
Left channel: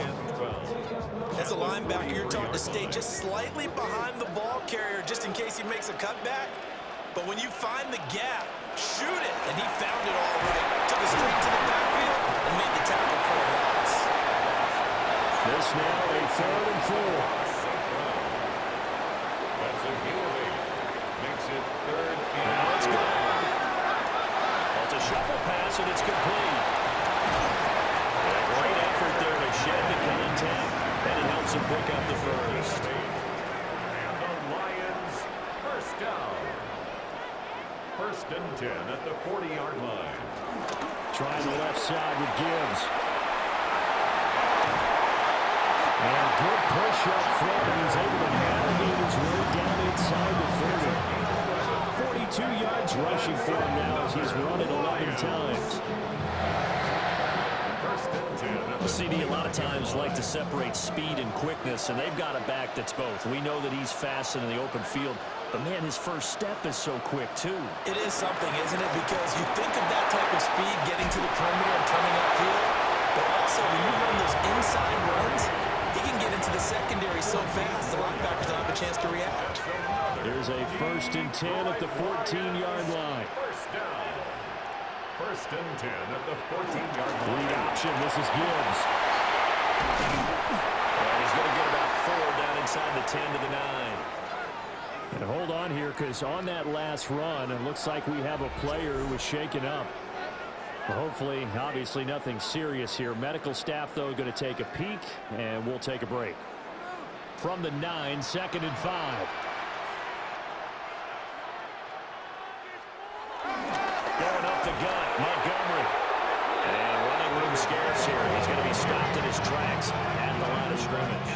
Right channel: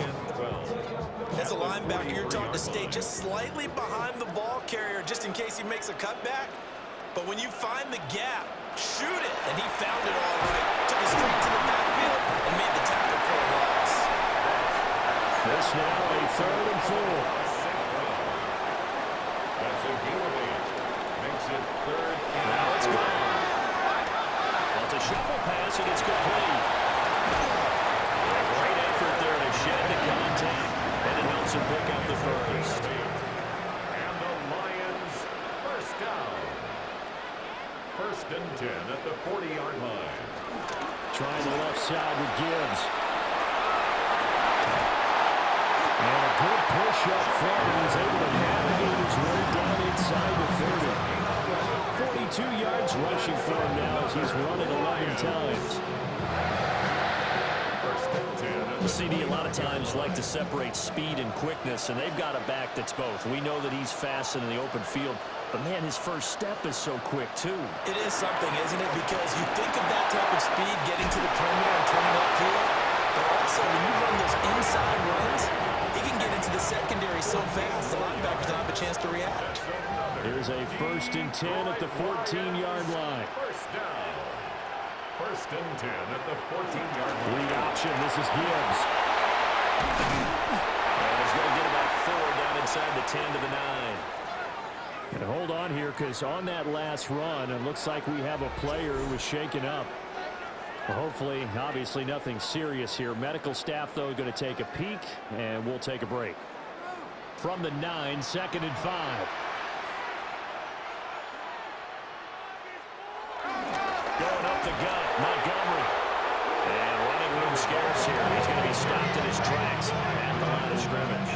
As a linebacker, you're taught to stay just slightly behind the ball carrier just in case he makes a cutback. But when you find the gap, shoot it. And he found it all right. Took it straight to the backfield and made the tackle for a loss. This now a 3rd and 4. That's a gain of 8. Makes it 3rd and Now it's gone. Well, it's a shuffle pass, and it's complete. Yeah, great effort there to shed the contact, and it helps him pick up the first. And the Lions, first down. 1st and 10 at the 40-yard line. Trying the left side with Gibbs. And a good push up front, and he's able to navigate his way down inside the 30. 42 yards rushing for him now as he's run it 11 times. 1st and 10 at the CD a lot of times like to separate speed and quickness, and they've got a back that's both. We know that he's fast in the open field, but man, his first step is so quick too. It is something, isn't it? Because you think of that type of speed getting to the perimeter and turning upfield, but also when you run those inside runs, he can get into the secondary so fast the linebackers don't have a chance to react. Here's a 1st and 10 at the 14-yard line. first down. 1st and 10 at the 14-yard line. Read option. This is Gibbs. And he's going to get about 4 down inside the 10 to the 9. And hold on here, because on that last run, it looks like we have a player who was shaken up. Well, hopefully, obviously, nothing serious here. Medical staff, though, going to take a peek, and we'll take a break. From the 9, 2nd and 5. Going up the gut, Montgomery. And running room scarce here. He's going to be stopped in his tracks at the line of scrimmage.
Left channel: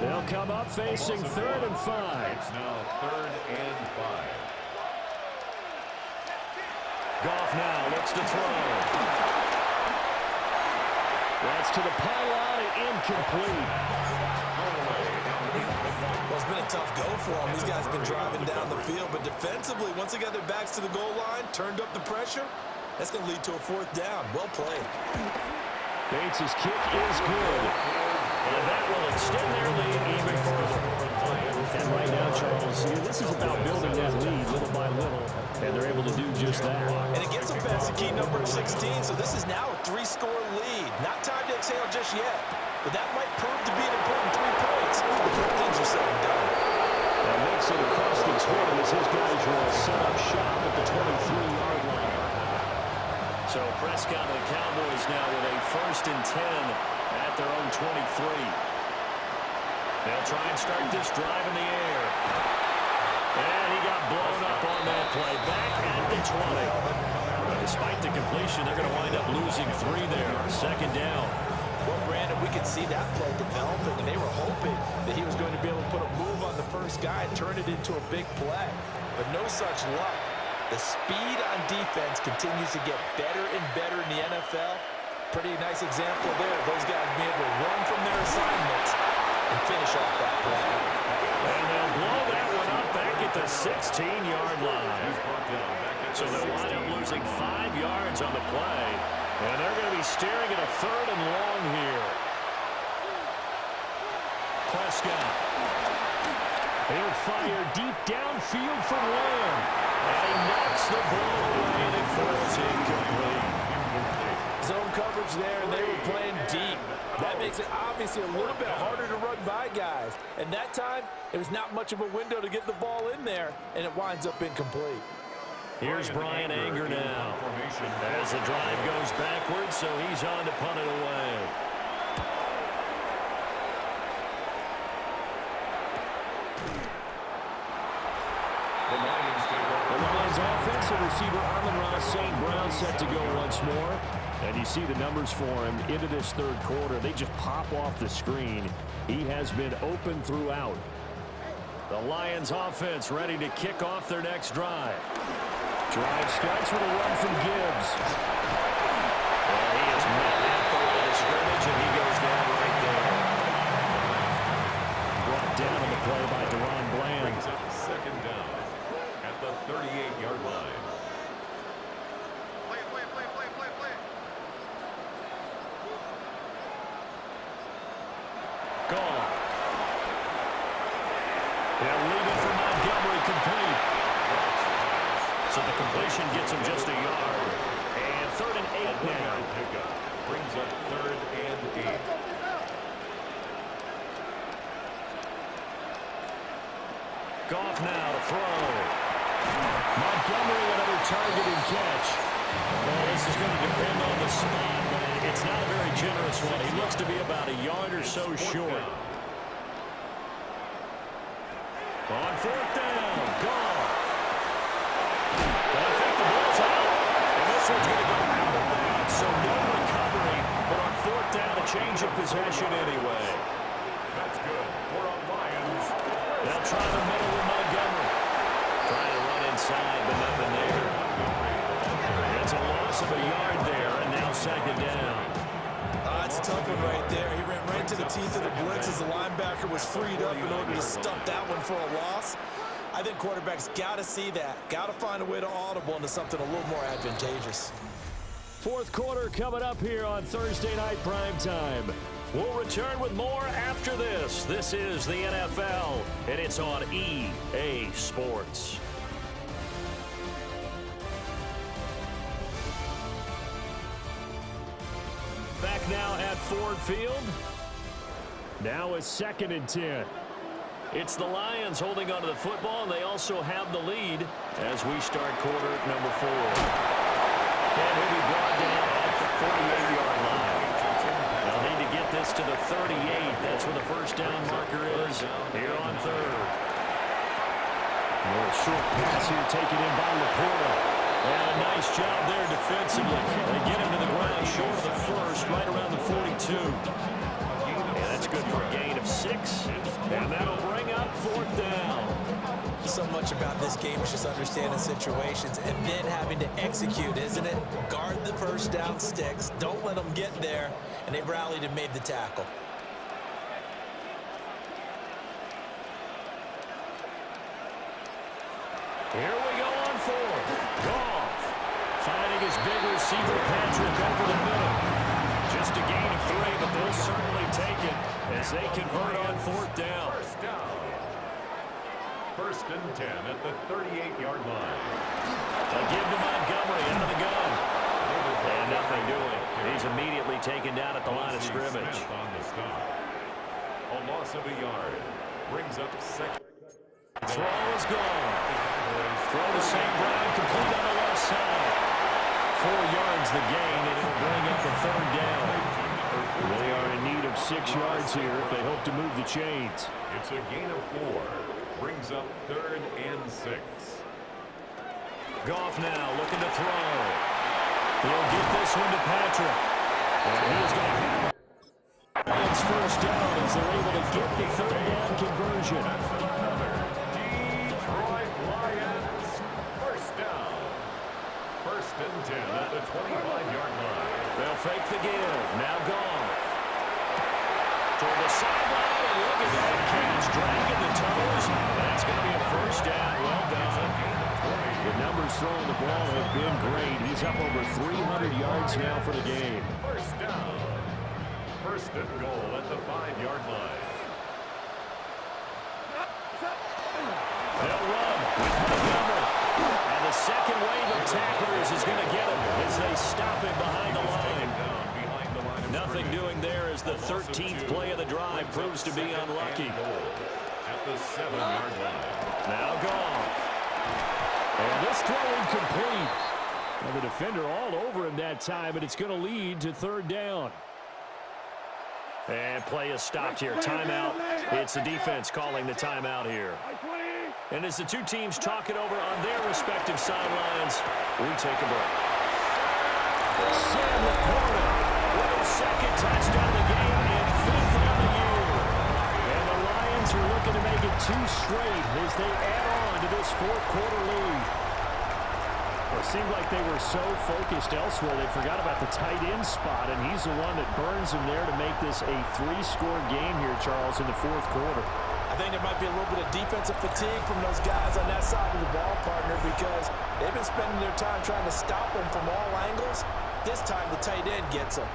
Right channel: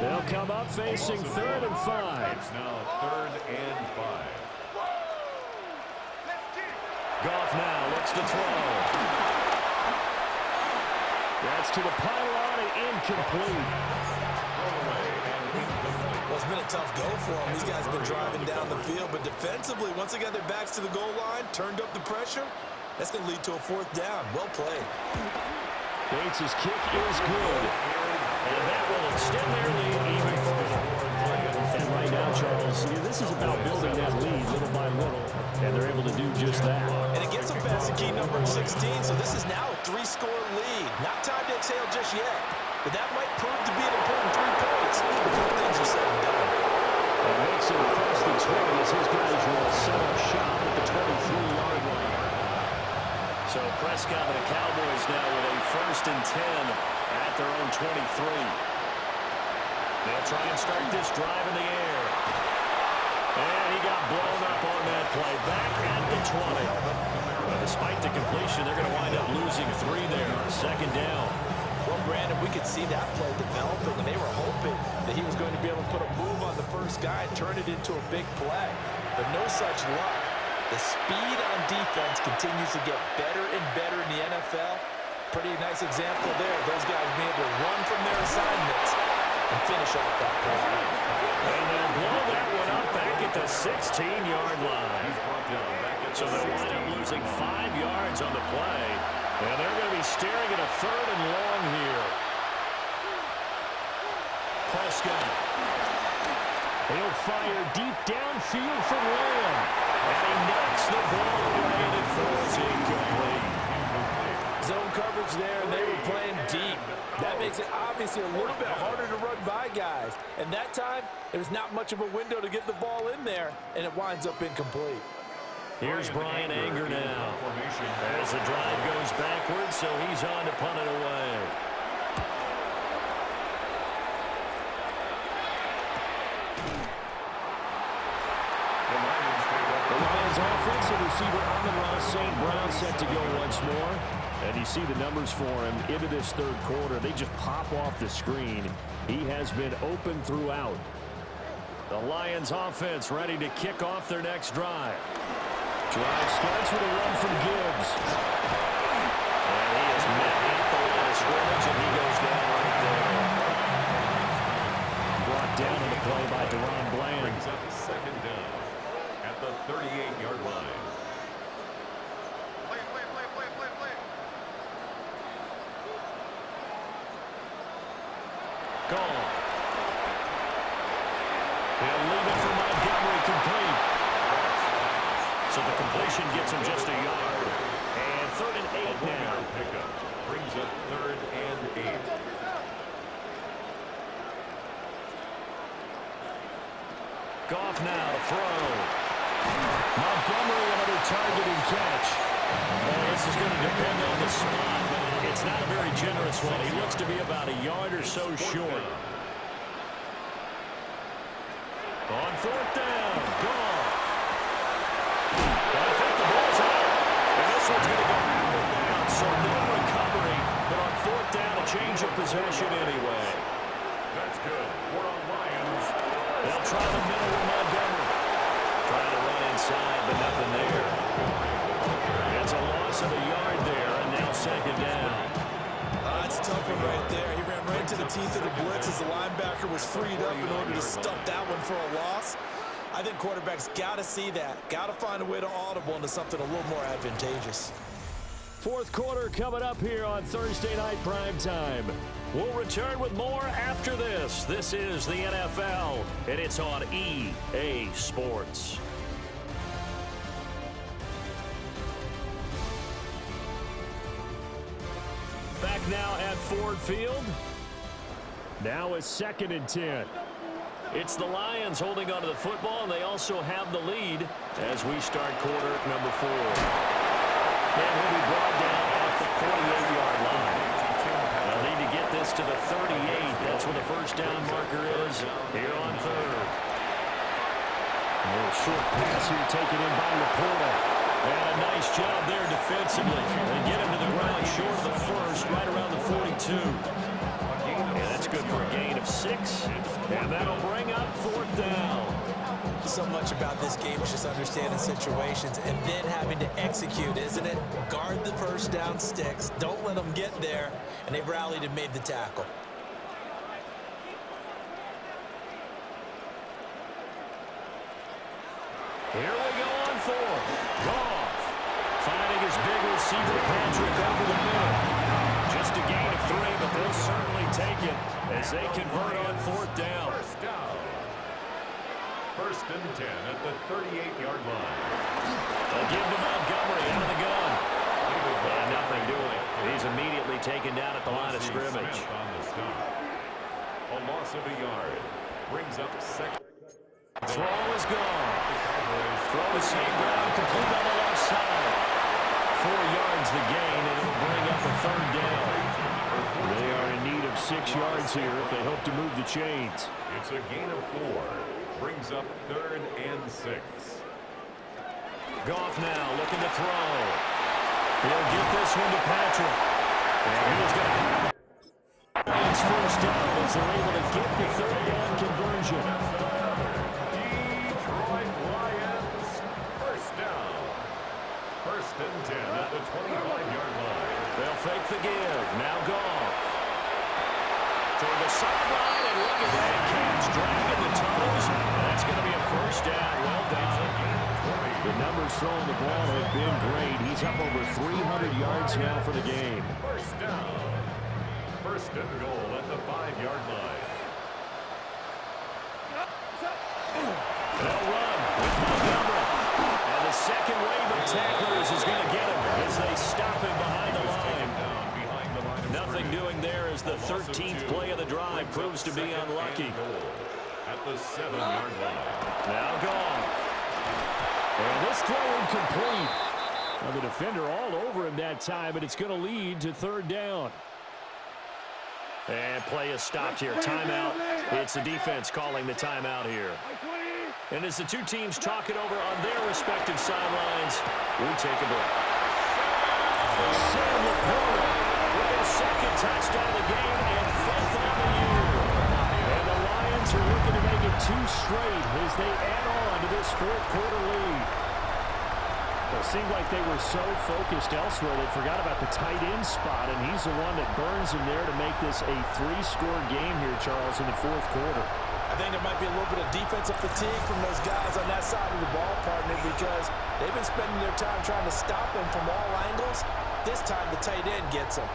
They'll come up facing 3rd and 5. It's now 3rd and 5. Goff now looks to throw. That's to the pylon and incomplete. Throwaway and incomplete. Well, it's been a tough go for them. These guys have been driving down the field, but defensively, once they got their backs to the goal line, turned up the pressure, that's going to lead to a 4th down. Well played. Bates' kick is good. And that will extend their lead even further. And right now, Charles, this is about building that lead little by little, and they're able to do just that. And it gets them past the key number of 16, so this is now a 3-score lead. Not time to exhale just yet, but that might prove to be an important 3 points before things are said and done. And makes it across the 20 as his guys will set up shop at the 23-yard line. So Prescott and the Cowboys now with a 1st and 10 at their own 23. They'll try and start this drive in the air. And he got blown up on that play. Back at the 20. But despite the completion, they're going to wind up losing 3 there. 2nd down. Well, Brandon, we could see that play developing, and they were hoping that he was going to be able to put a move on the first guy and turn it into a big play. But no such luck. The speed on defense continues to get better and better in the NFL. Pretty nice example there. Those guys being able to run from their assignments and finish off that play. And they'll blow that one up back at the 16-yard line. So they'll wind up losing 5 yards on the play. And they're going to be staring at a 3rd and long here. Prescott. He'll fire deep downfield from Lamb. And he knocks the ball away, and it falls incomplete. Zone coverage there, and they were playing deep. That makes it obviously a little bit harder to run by guys. And that time, it was not much of a window to get the ball in there, and it winds up incomplete. Here's Brian Anger now. As the drive goes backwards, so he's on to punt it away. The Lions offensive receiver Amon-Ra St. Brown set to go once more. And you see the numbers for him into this 3rd quarter. They just pop off the screen. He has been open throughout. The Lions offense ready to kick off their next drive. Drive starts with a run from Gibbs. And he is met at the line of scrimmage, and he goes down right there. Brought down on the play by Deron Bland. Brings up second down at the 38-yard line. Play. Gone. He'll leave it for Montgomery complete. So the completion gets him just a yard. And 3rd and 8 now. Pickup brings up 3rd and 8. Goff now to throw. Montgomery, another target and catch. Well, this is going to depend on the spot, but it's not a very generous one. He looks to be about a yard or so short. On 4th down, Goff. Well, I think the ball's out, and this one's going to go out of bounds, so no recovery, but on 4th down, a change of possession anyway. That's good for a Lions. They'll try the middle with Montgomery. Trying to run inside, but nothing there. It's a loss of a yard there, and now 2nd down. It's a tough one right there. He ran right to the teeth of the blitz as the linebacker was freed up in order to stuff that one for a loss. I think quarterbacks got to see that. Got to find a way to audible into something a little more advantageous. 4th quarter coming up here on Thursday Night Primetime. We'll return with more after this. This is the NFL, and it's on EA Sports. Back now at Ford Field. Now it's 2nd and 10. It's the Lions holding onto the football, and they also have the lead as we start quarter number 4. And he'll be brought down at the 48-yard line. They'll need to get this to the 38. That's where the first down marker is here on 3rd. A little short pass here taken in by Laporta. And a nice job there defensively. They get him to the ground short of the first, right around the 42. And that's good for a gain of 6. And that'll bring up 4th down. So much about this game is just understanding situations and then having to execute, isn't it? Guard the first down sticks. Don't let them get there. And they rallied and made the tackle. Here we go on 4th. Goff finding his big receiver Patrick over the middle. Just a gain of 3, but they'll certainly take it as they convert on 4th down. First down. 1st and 10 at the 38-yard line. They give to Montgomery out of the gun. And nothing doing. He's immediately taken down at the line of scrimmage. Smith on the stop. A loss of a yard. Brings up 2nd. Throw is gone. Throw to St. Brown, complete on the left side. 4 yards the gain, and it'll bring up a 3rd down. They are in need of 6 yards here if they hope to move the chains. It's a gain of 4. Brings up 3rd and 6. Goff now looking to throw. He'll get this one to Patrick. And he is going to have it. Lions first down as they're able to get the 3rd down conversion. That's another Detroit Lions first down. 1st and 10 at the 25-yard line. They'll fake the give. Now Goff. Toward the sideline, and look at that catch. Dragging the toes. And that's going to be a first down. Well done. The numbers throwing the ball have been great. He's up over 300 yards now for the game. First down. 1st and goal at the 5-yard line. They'll run with Montgomery. And the second wave of tacklers is going to get him as they stop him behind the line. Nothing doing there as the 13th play of the drive proves to be unlucky. At the 7-yard line. Now Goff. And this throw incomplete. Well, the defender all over him that time, and it's going to lead to 3rd down. And play is stopped here. Timeout. It's the defense calling the timeout here. And as the two teams talk it over on their respective sidelines, we take a break. Sam Laporta with his 2nd touchdown of the game and 5th on the year. And the Lions Lions are looking to make it 2 straight as they add on to this fourth quarter lead. Well, it seemed like they were so focused elsewhere they forgot about the tight end spot, and he's the one that burns them there to make this a 3-score game here, Charles, in the fourth quarter. I think there might be a little bit of defensive fatigue from those guys on that side of the ball, partner, because they've been spending their time trying to stop them from all angles. This time the tight end gets them.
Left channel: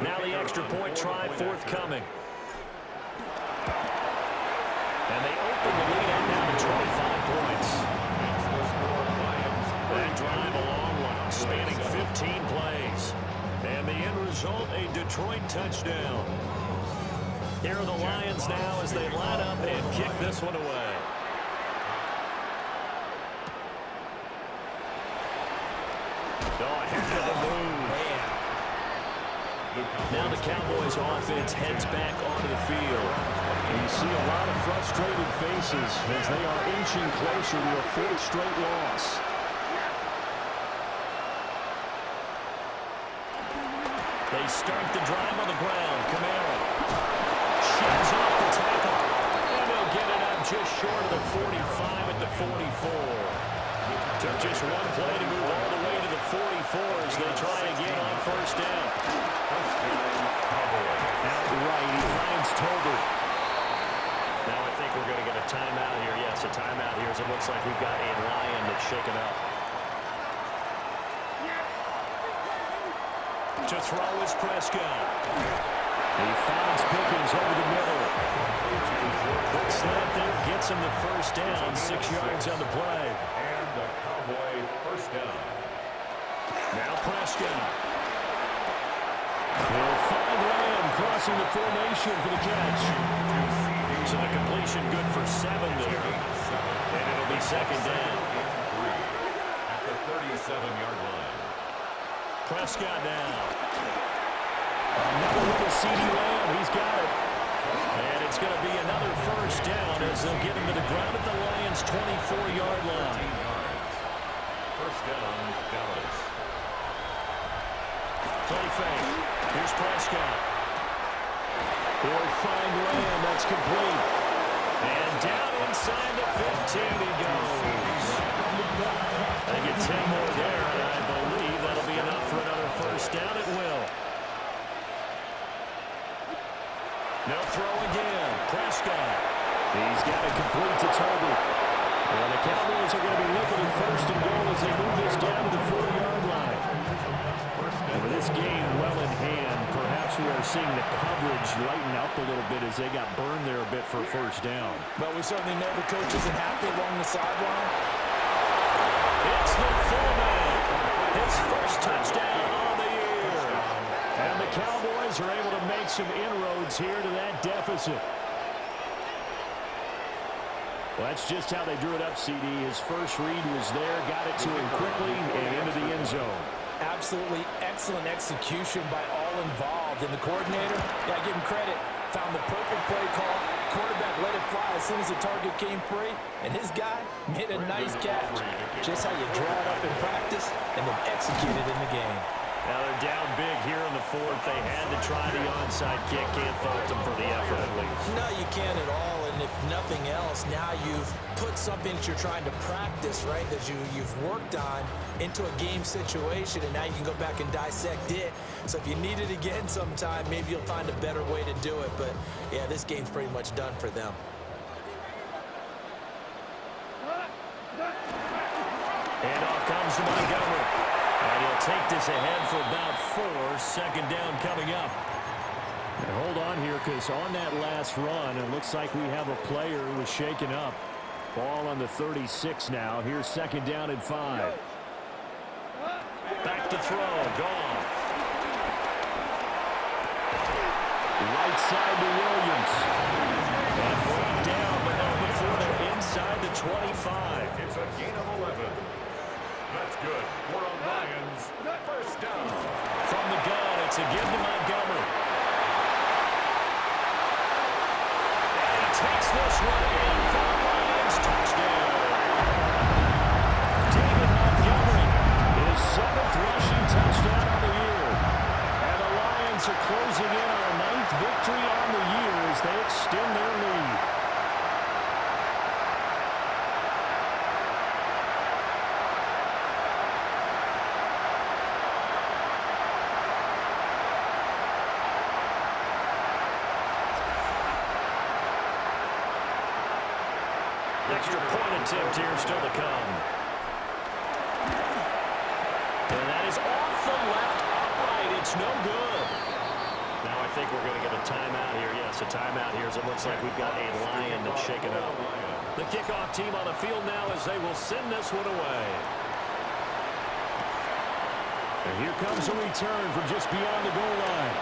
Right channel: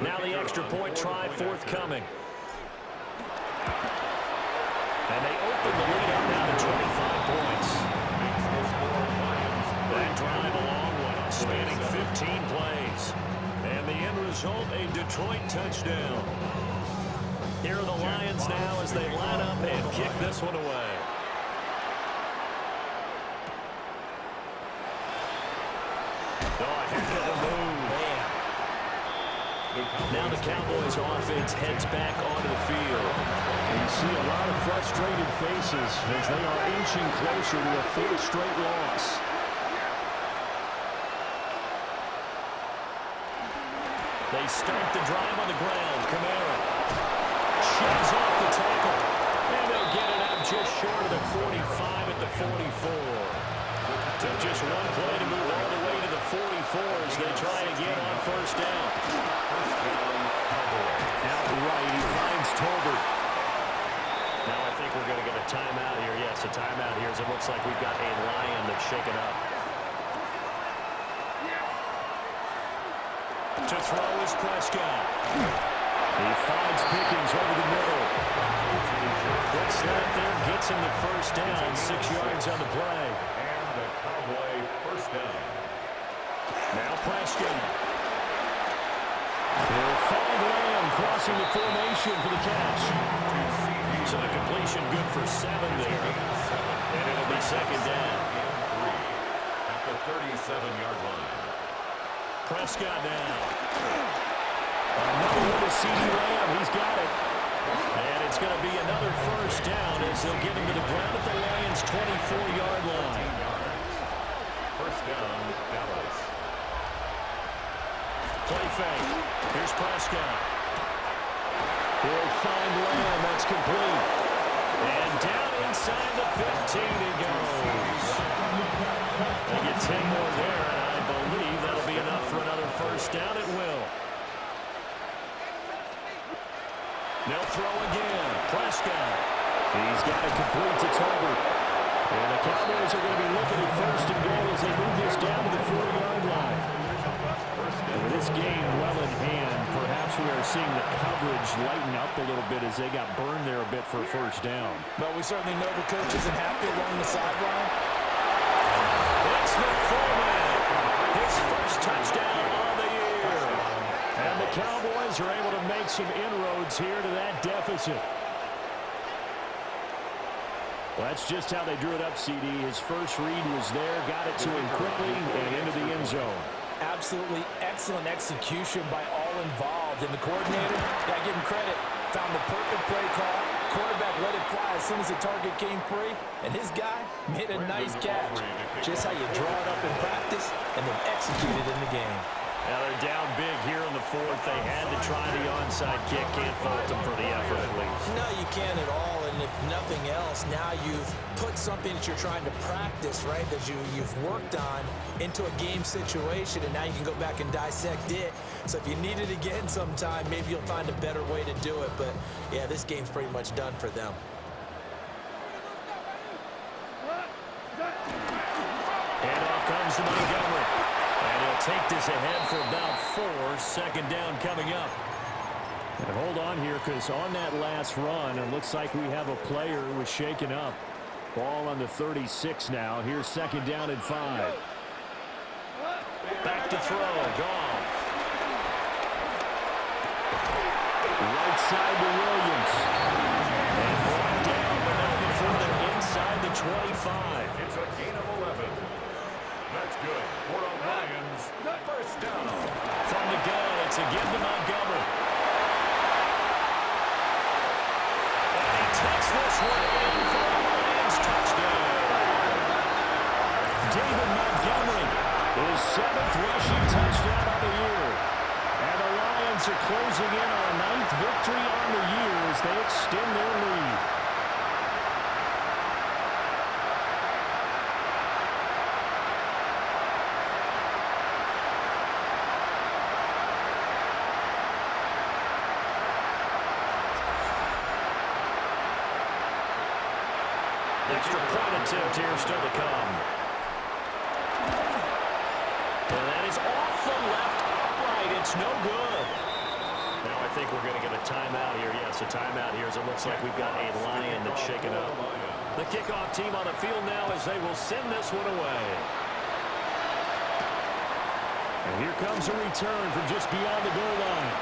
Now the extra point try forthcoming. And they open the lead up now to 25 points. That drive a long one, spanning 15 plays. And the end result, a Detroit touchdown. Here are the Lions now as they line up and kick this one away. Oh, a heck of a move. Now the Cowboys offense heads back onto the field. And you see a lot of frustrated faces as they are inching closer to a 4th straight loss. They start the drive on the ground. Kamara sheds off the tackle. And they'll get it up just short of the 45 at the 44. Took just one play to move all the way to the 44 as they try again on first down. Outright, he finds Tolbert. Now I think we're going to get a timeout here. Yes, a timeout here as it looks like we've got a Lion that's shaken up. To throw is Prescott. He finds Pickens over the middle. Quick slant there, gets him the first down, 6 yards on the play. And the Cowboy first down. Now Prescott. He'll find Lamb crossing the formation for the catch. So the completion good for 7 there. And it'll be second down. At the 37-yard line. Prescott now. Another one to CeeDee Lamb. He's got it. And it's going to be another first down as they'll get him to the ground at the Lions' 24-yard line. First down, Dallas. Play fake. Here's Prescott. He'll find Lamb. That's complete. And down inside the 15 he goes. They get 10 more there, and I believe that'll be enough for another first down. It will. They'll throw again. Prescott. He's got it complete to Tolbert. And the Cowboys are going to be looking at first and goal as they move this down to the 40-yard line. And with this game well in hand, perhaps we are seeing the coverage lighten up a little bit as they got burned there a bit for first down. But we certainly know the coach isn't happy along the sideline. It's the fullback. His first touchdown on the year. And the Cowboys are able to make some inroads here to that deficit. Well, that's just how they drew it up, CD. His first read was there, got it to him quickly, and into the end zone. Absolutely excellent execution by all involved. And the coordinator, gotta give him credit, found the perfect play call. Quarterback let it fly as soon as the target came free, and his guy made a nice catch. Just how you draw it up in practice and then execute it in the game. Now they're down big here in the fourth. They had to try the onside kick. Can't fault them for the effort at least. No, you can't at all. And if nothing else, now you've put something that you're trying to practice, right, that you've worked on into a game situation, and now you can go back and dissect it. So if you need it again sometime, maybe you'll find a better way to do it. But, yeah, this game's pretty much done for them. And off comes to Montgomery. And he'll take this ahead for about 4. Second down coming up. And hold on here, because on that last run, it looks like we have a player who was shaken up. Ball on the 36 now. Here's second down and 5. Back to throw. Goff. Right side to Williams. And brought down, but not before they're inside the 25. It's a gain of 11. That's good for the Lions. First down. From the gun, it's a give to Montgomery. And he takes this one in for a Lions touchdown. David Montgomery, his 7th rushing touchdown on the year. And the Lions are closing in on a 9th victory on the year as they extend their lead. Extra point attempt here still to come. And that is off the left upright. It's no good. Now I think we're going to get a timeout here. Yes, a timeout here as it looks like we've got a Lion that's shaken up. The kickoff team on the field now as they will send this one away. And here comes a return from just beyond the goal line.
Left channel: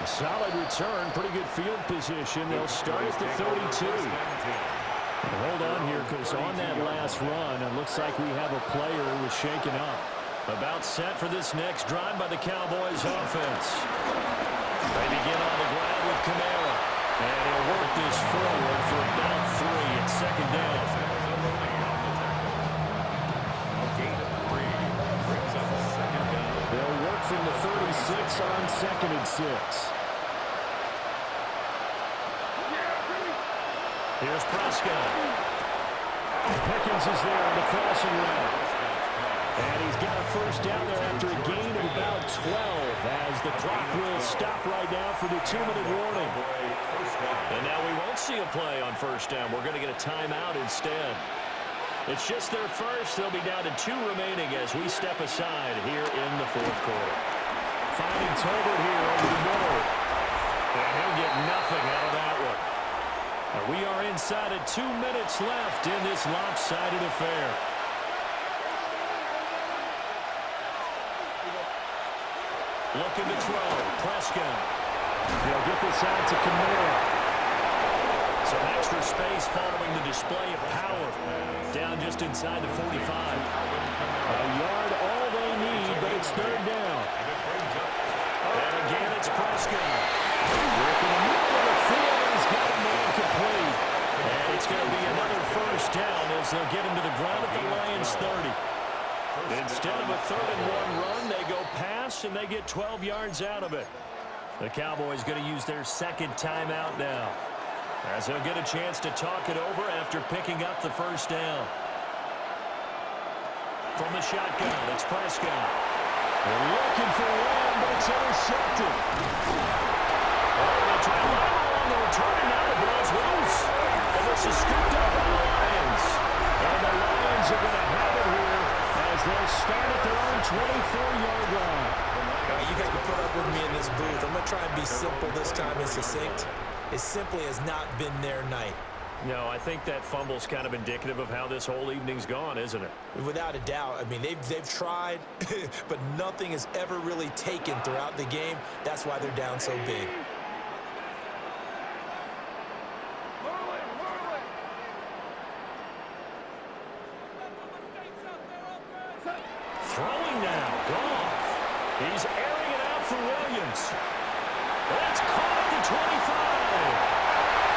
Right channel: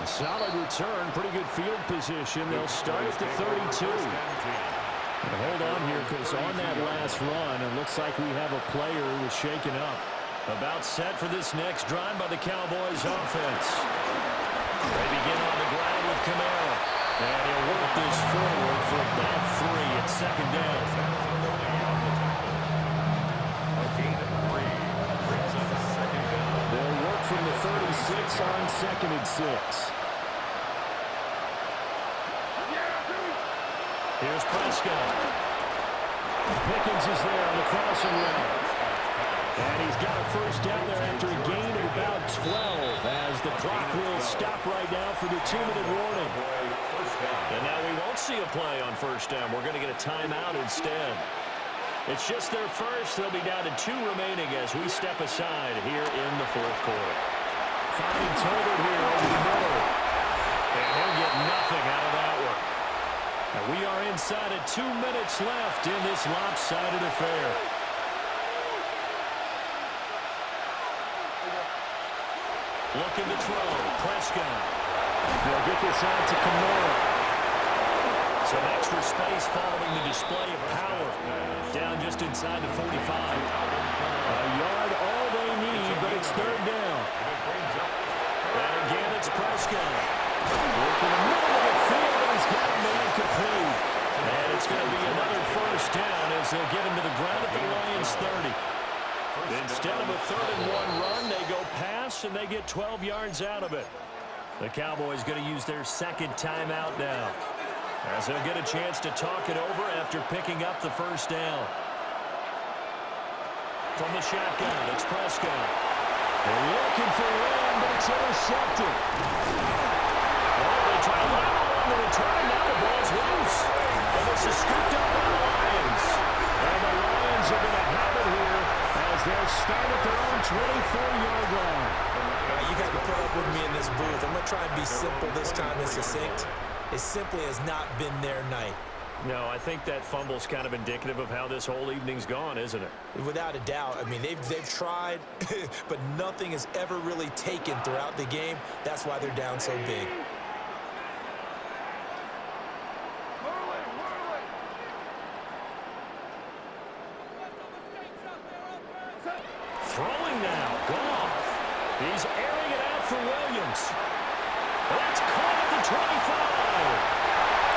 A solid return, pretty good field position. They'll start at the 32. And hold on here because on that last run, it looks like we have a player who was shaken up. About set for this next drive by the Cowboys offense. They begin on the ground with Kamara. And he'll work this forward for about 3 at second down. A gain of 3 brings up a second down. They'll work from the 36 on 2nd and 6. Here's Prescott. Pickens is there on the crossing route. And he's got a first down there after a gain of about 12 as the clock will stop right now for the 2-minute warning. And now we won't see a play on first down. We're going to get a timeout instead. It's just their first. They'll be down to 2 remaining as we step aside here in the 4th quarter. Finding Tolbert here over the middle. And he'll get nothing out of that one. And we are inside at 2 minutes left in this lopsided affair. Looking to throw. Prescott. They'll get this out to Kamara. Some extra space following the display of power. Down just inside the 45. A yard all they need, but it's 3rd down. And again, it's Prescott. Working the middle of the field, and he's got a man complete. And it's going to be another first down as they'll get him to the ground at the Lions' 30. Instead of a 3rd and 1 run, they go pass, and they get 12 yards out of it. The Cowboys going to use their 2nd timeout now, as they'll get a chance to talk it over after picking up the first down. From the shotgun, it's Prescott. They're looking for Lamb, but it's intercepted. Oh, they try to line along the return, and now the ball's loose. And this is scooped up by the Lions. And the Lions are going to have it here as they'll start at their own 24-yard line. You got to put up with me in this booth. I'm going to try and be simple this time and succinct. It simply has not been their night. No, I think that fumble's kind of indicative of how this whole evening's gone, isn't it? Without a doubt. I mean, they've tried, but nothing has ever really taken throughout the game. That's why they're down so big. Throwing now, Goff. He's airing it out for Williams. That's caught at the 25.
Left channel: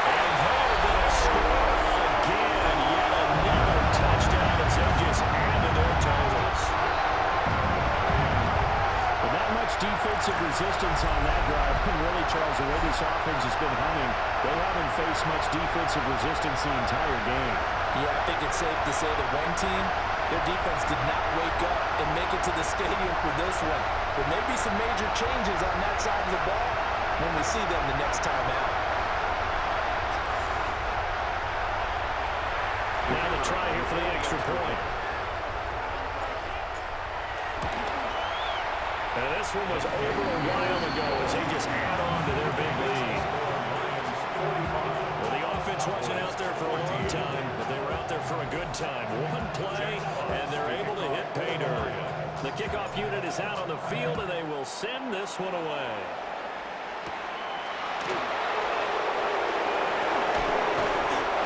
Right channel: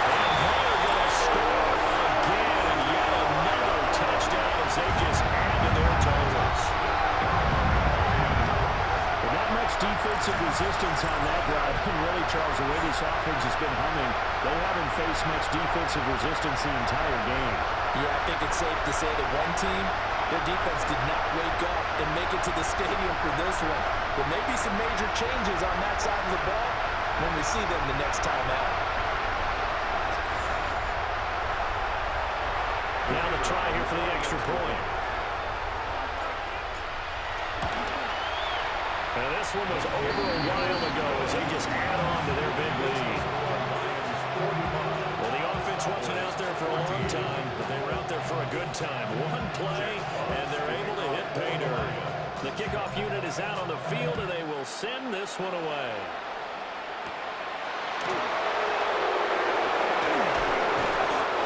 And they are going to score again. Yet another touchdown as they just add to their totals. But not much defensive resistance on that drive. And really, Charles, the way this offense has been humming, they haven't faced much defensive resistance the entire game. Yeah, I think it's safe to say that one team, their defense did not wake up and make it to the stadium for this one. There may be some major changes on that side of the ball when we see them the next time out. Now the try here for the extra point. And this one was over a while ago as they just add on to their big lead. Well, the offense wasn't out there for a long time, but they were out there for a good time. One play, and they're able to hit pay dirt. The kickoff unit is out on the field, and they will send this one away.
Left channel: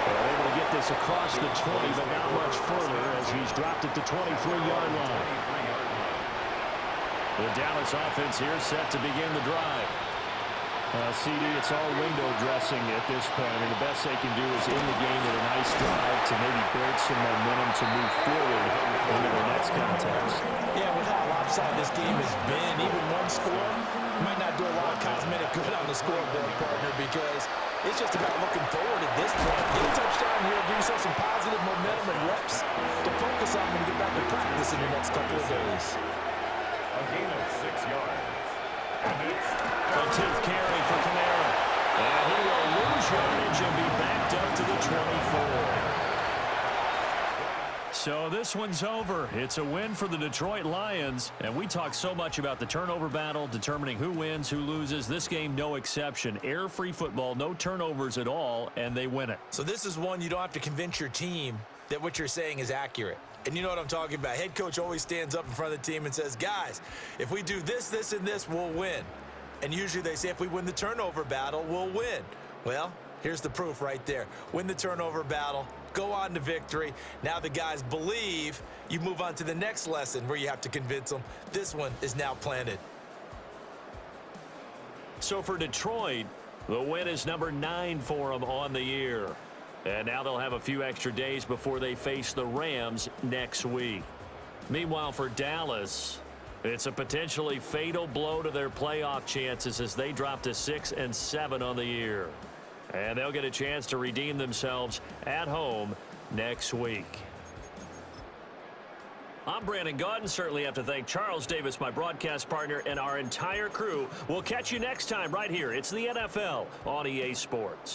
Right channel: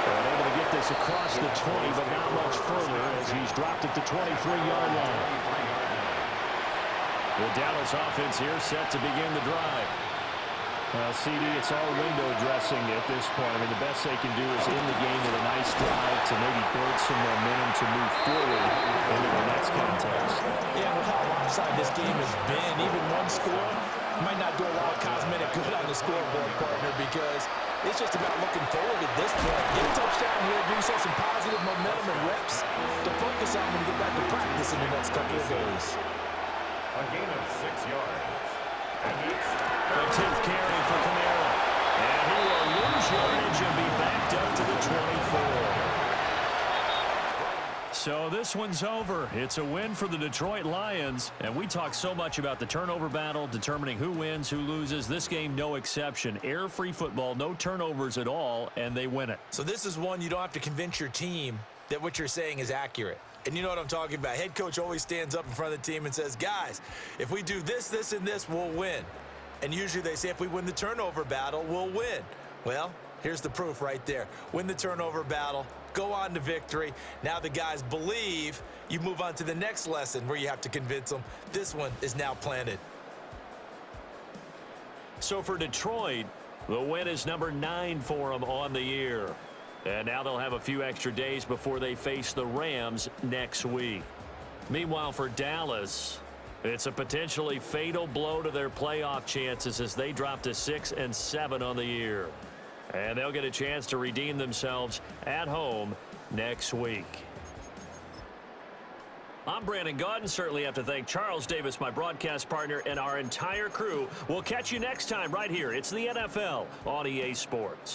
And able to get this across the 20, but not much further as he's dropped at the 23-yard line. The Dallas offense here set to begin the drive. Well, CD, it's all window dressing at this point. I mean, the best they can do is end the game with a nice drive to maybe build some momentum to move forward into the next contest. Yeah, with how lopsided this game has been, even one score might not do a lot of cosmetic good on the scoreboard, partner, because it's just about looking forward at this point. Get a touchdown here, give yourself some positive momentum and reps to focus on when you get back to practice in the next couple of days. A gain of 6 yards. And it's A 10th carry for Kamara. And he will lose yardage and be backed up to the 24. So this one's over. It's a win for the Detroit Lions. And we talk so much about the turnover battle, determining who wins, who loses. This game, no exception. Air-free football, no turnovers at all, and they win it. So this is one you don't have to convince your team that what you're saying is accurate. And you know what I'm talking about. Head coach always stands up in front of the team and says, guys, if we do this, this, and this, we'll win. And usually they say if we win the turnover battle, we'll win. Well, here's the proof right there. Win the turnover battle, go on to victory. Now the guys believe. You move on to the next lesson where you have to convince them. This one is now planted. So for Detroit, the win is number 9 for them on the year. And now they'll have a few extra days before they face the Rams next week. Meanwhile, for Dallas, it's a potentially fatal blow to their playoff chances as they drop to 6-7 on the year. And they'll get a chance to redeem themselves at home next week. I'm Brandon Gaudin. Certainly have to thank Charles Davis, my broadcast partner, and our entire crew. We'll catch you next time right here. It's the NFL on EA Sports.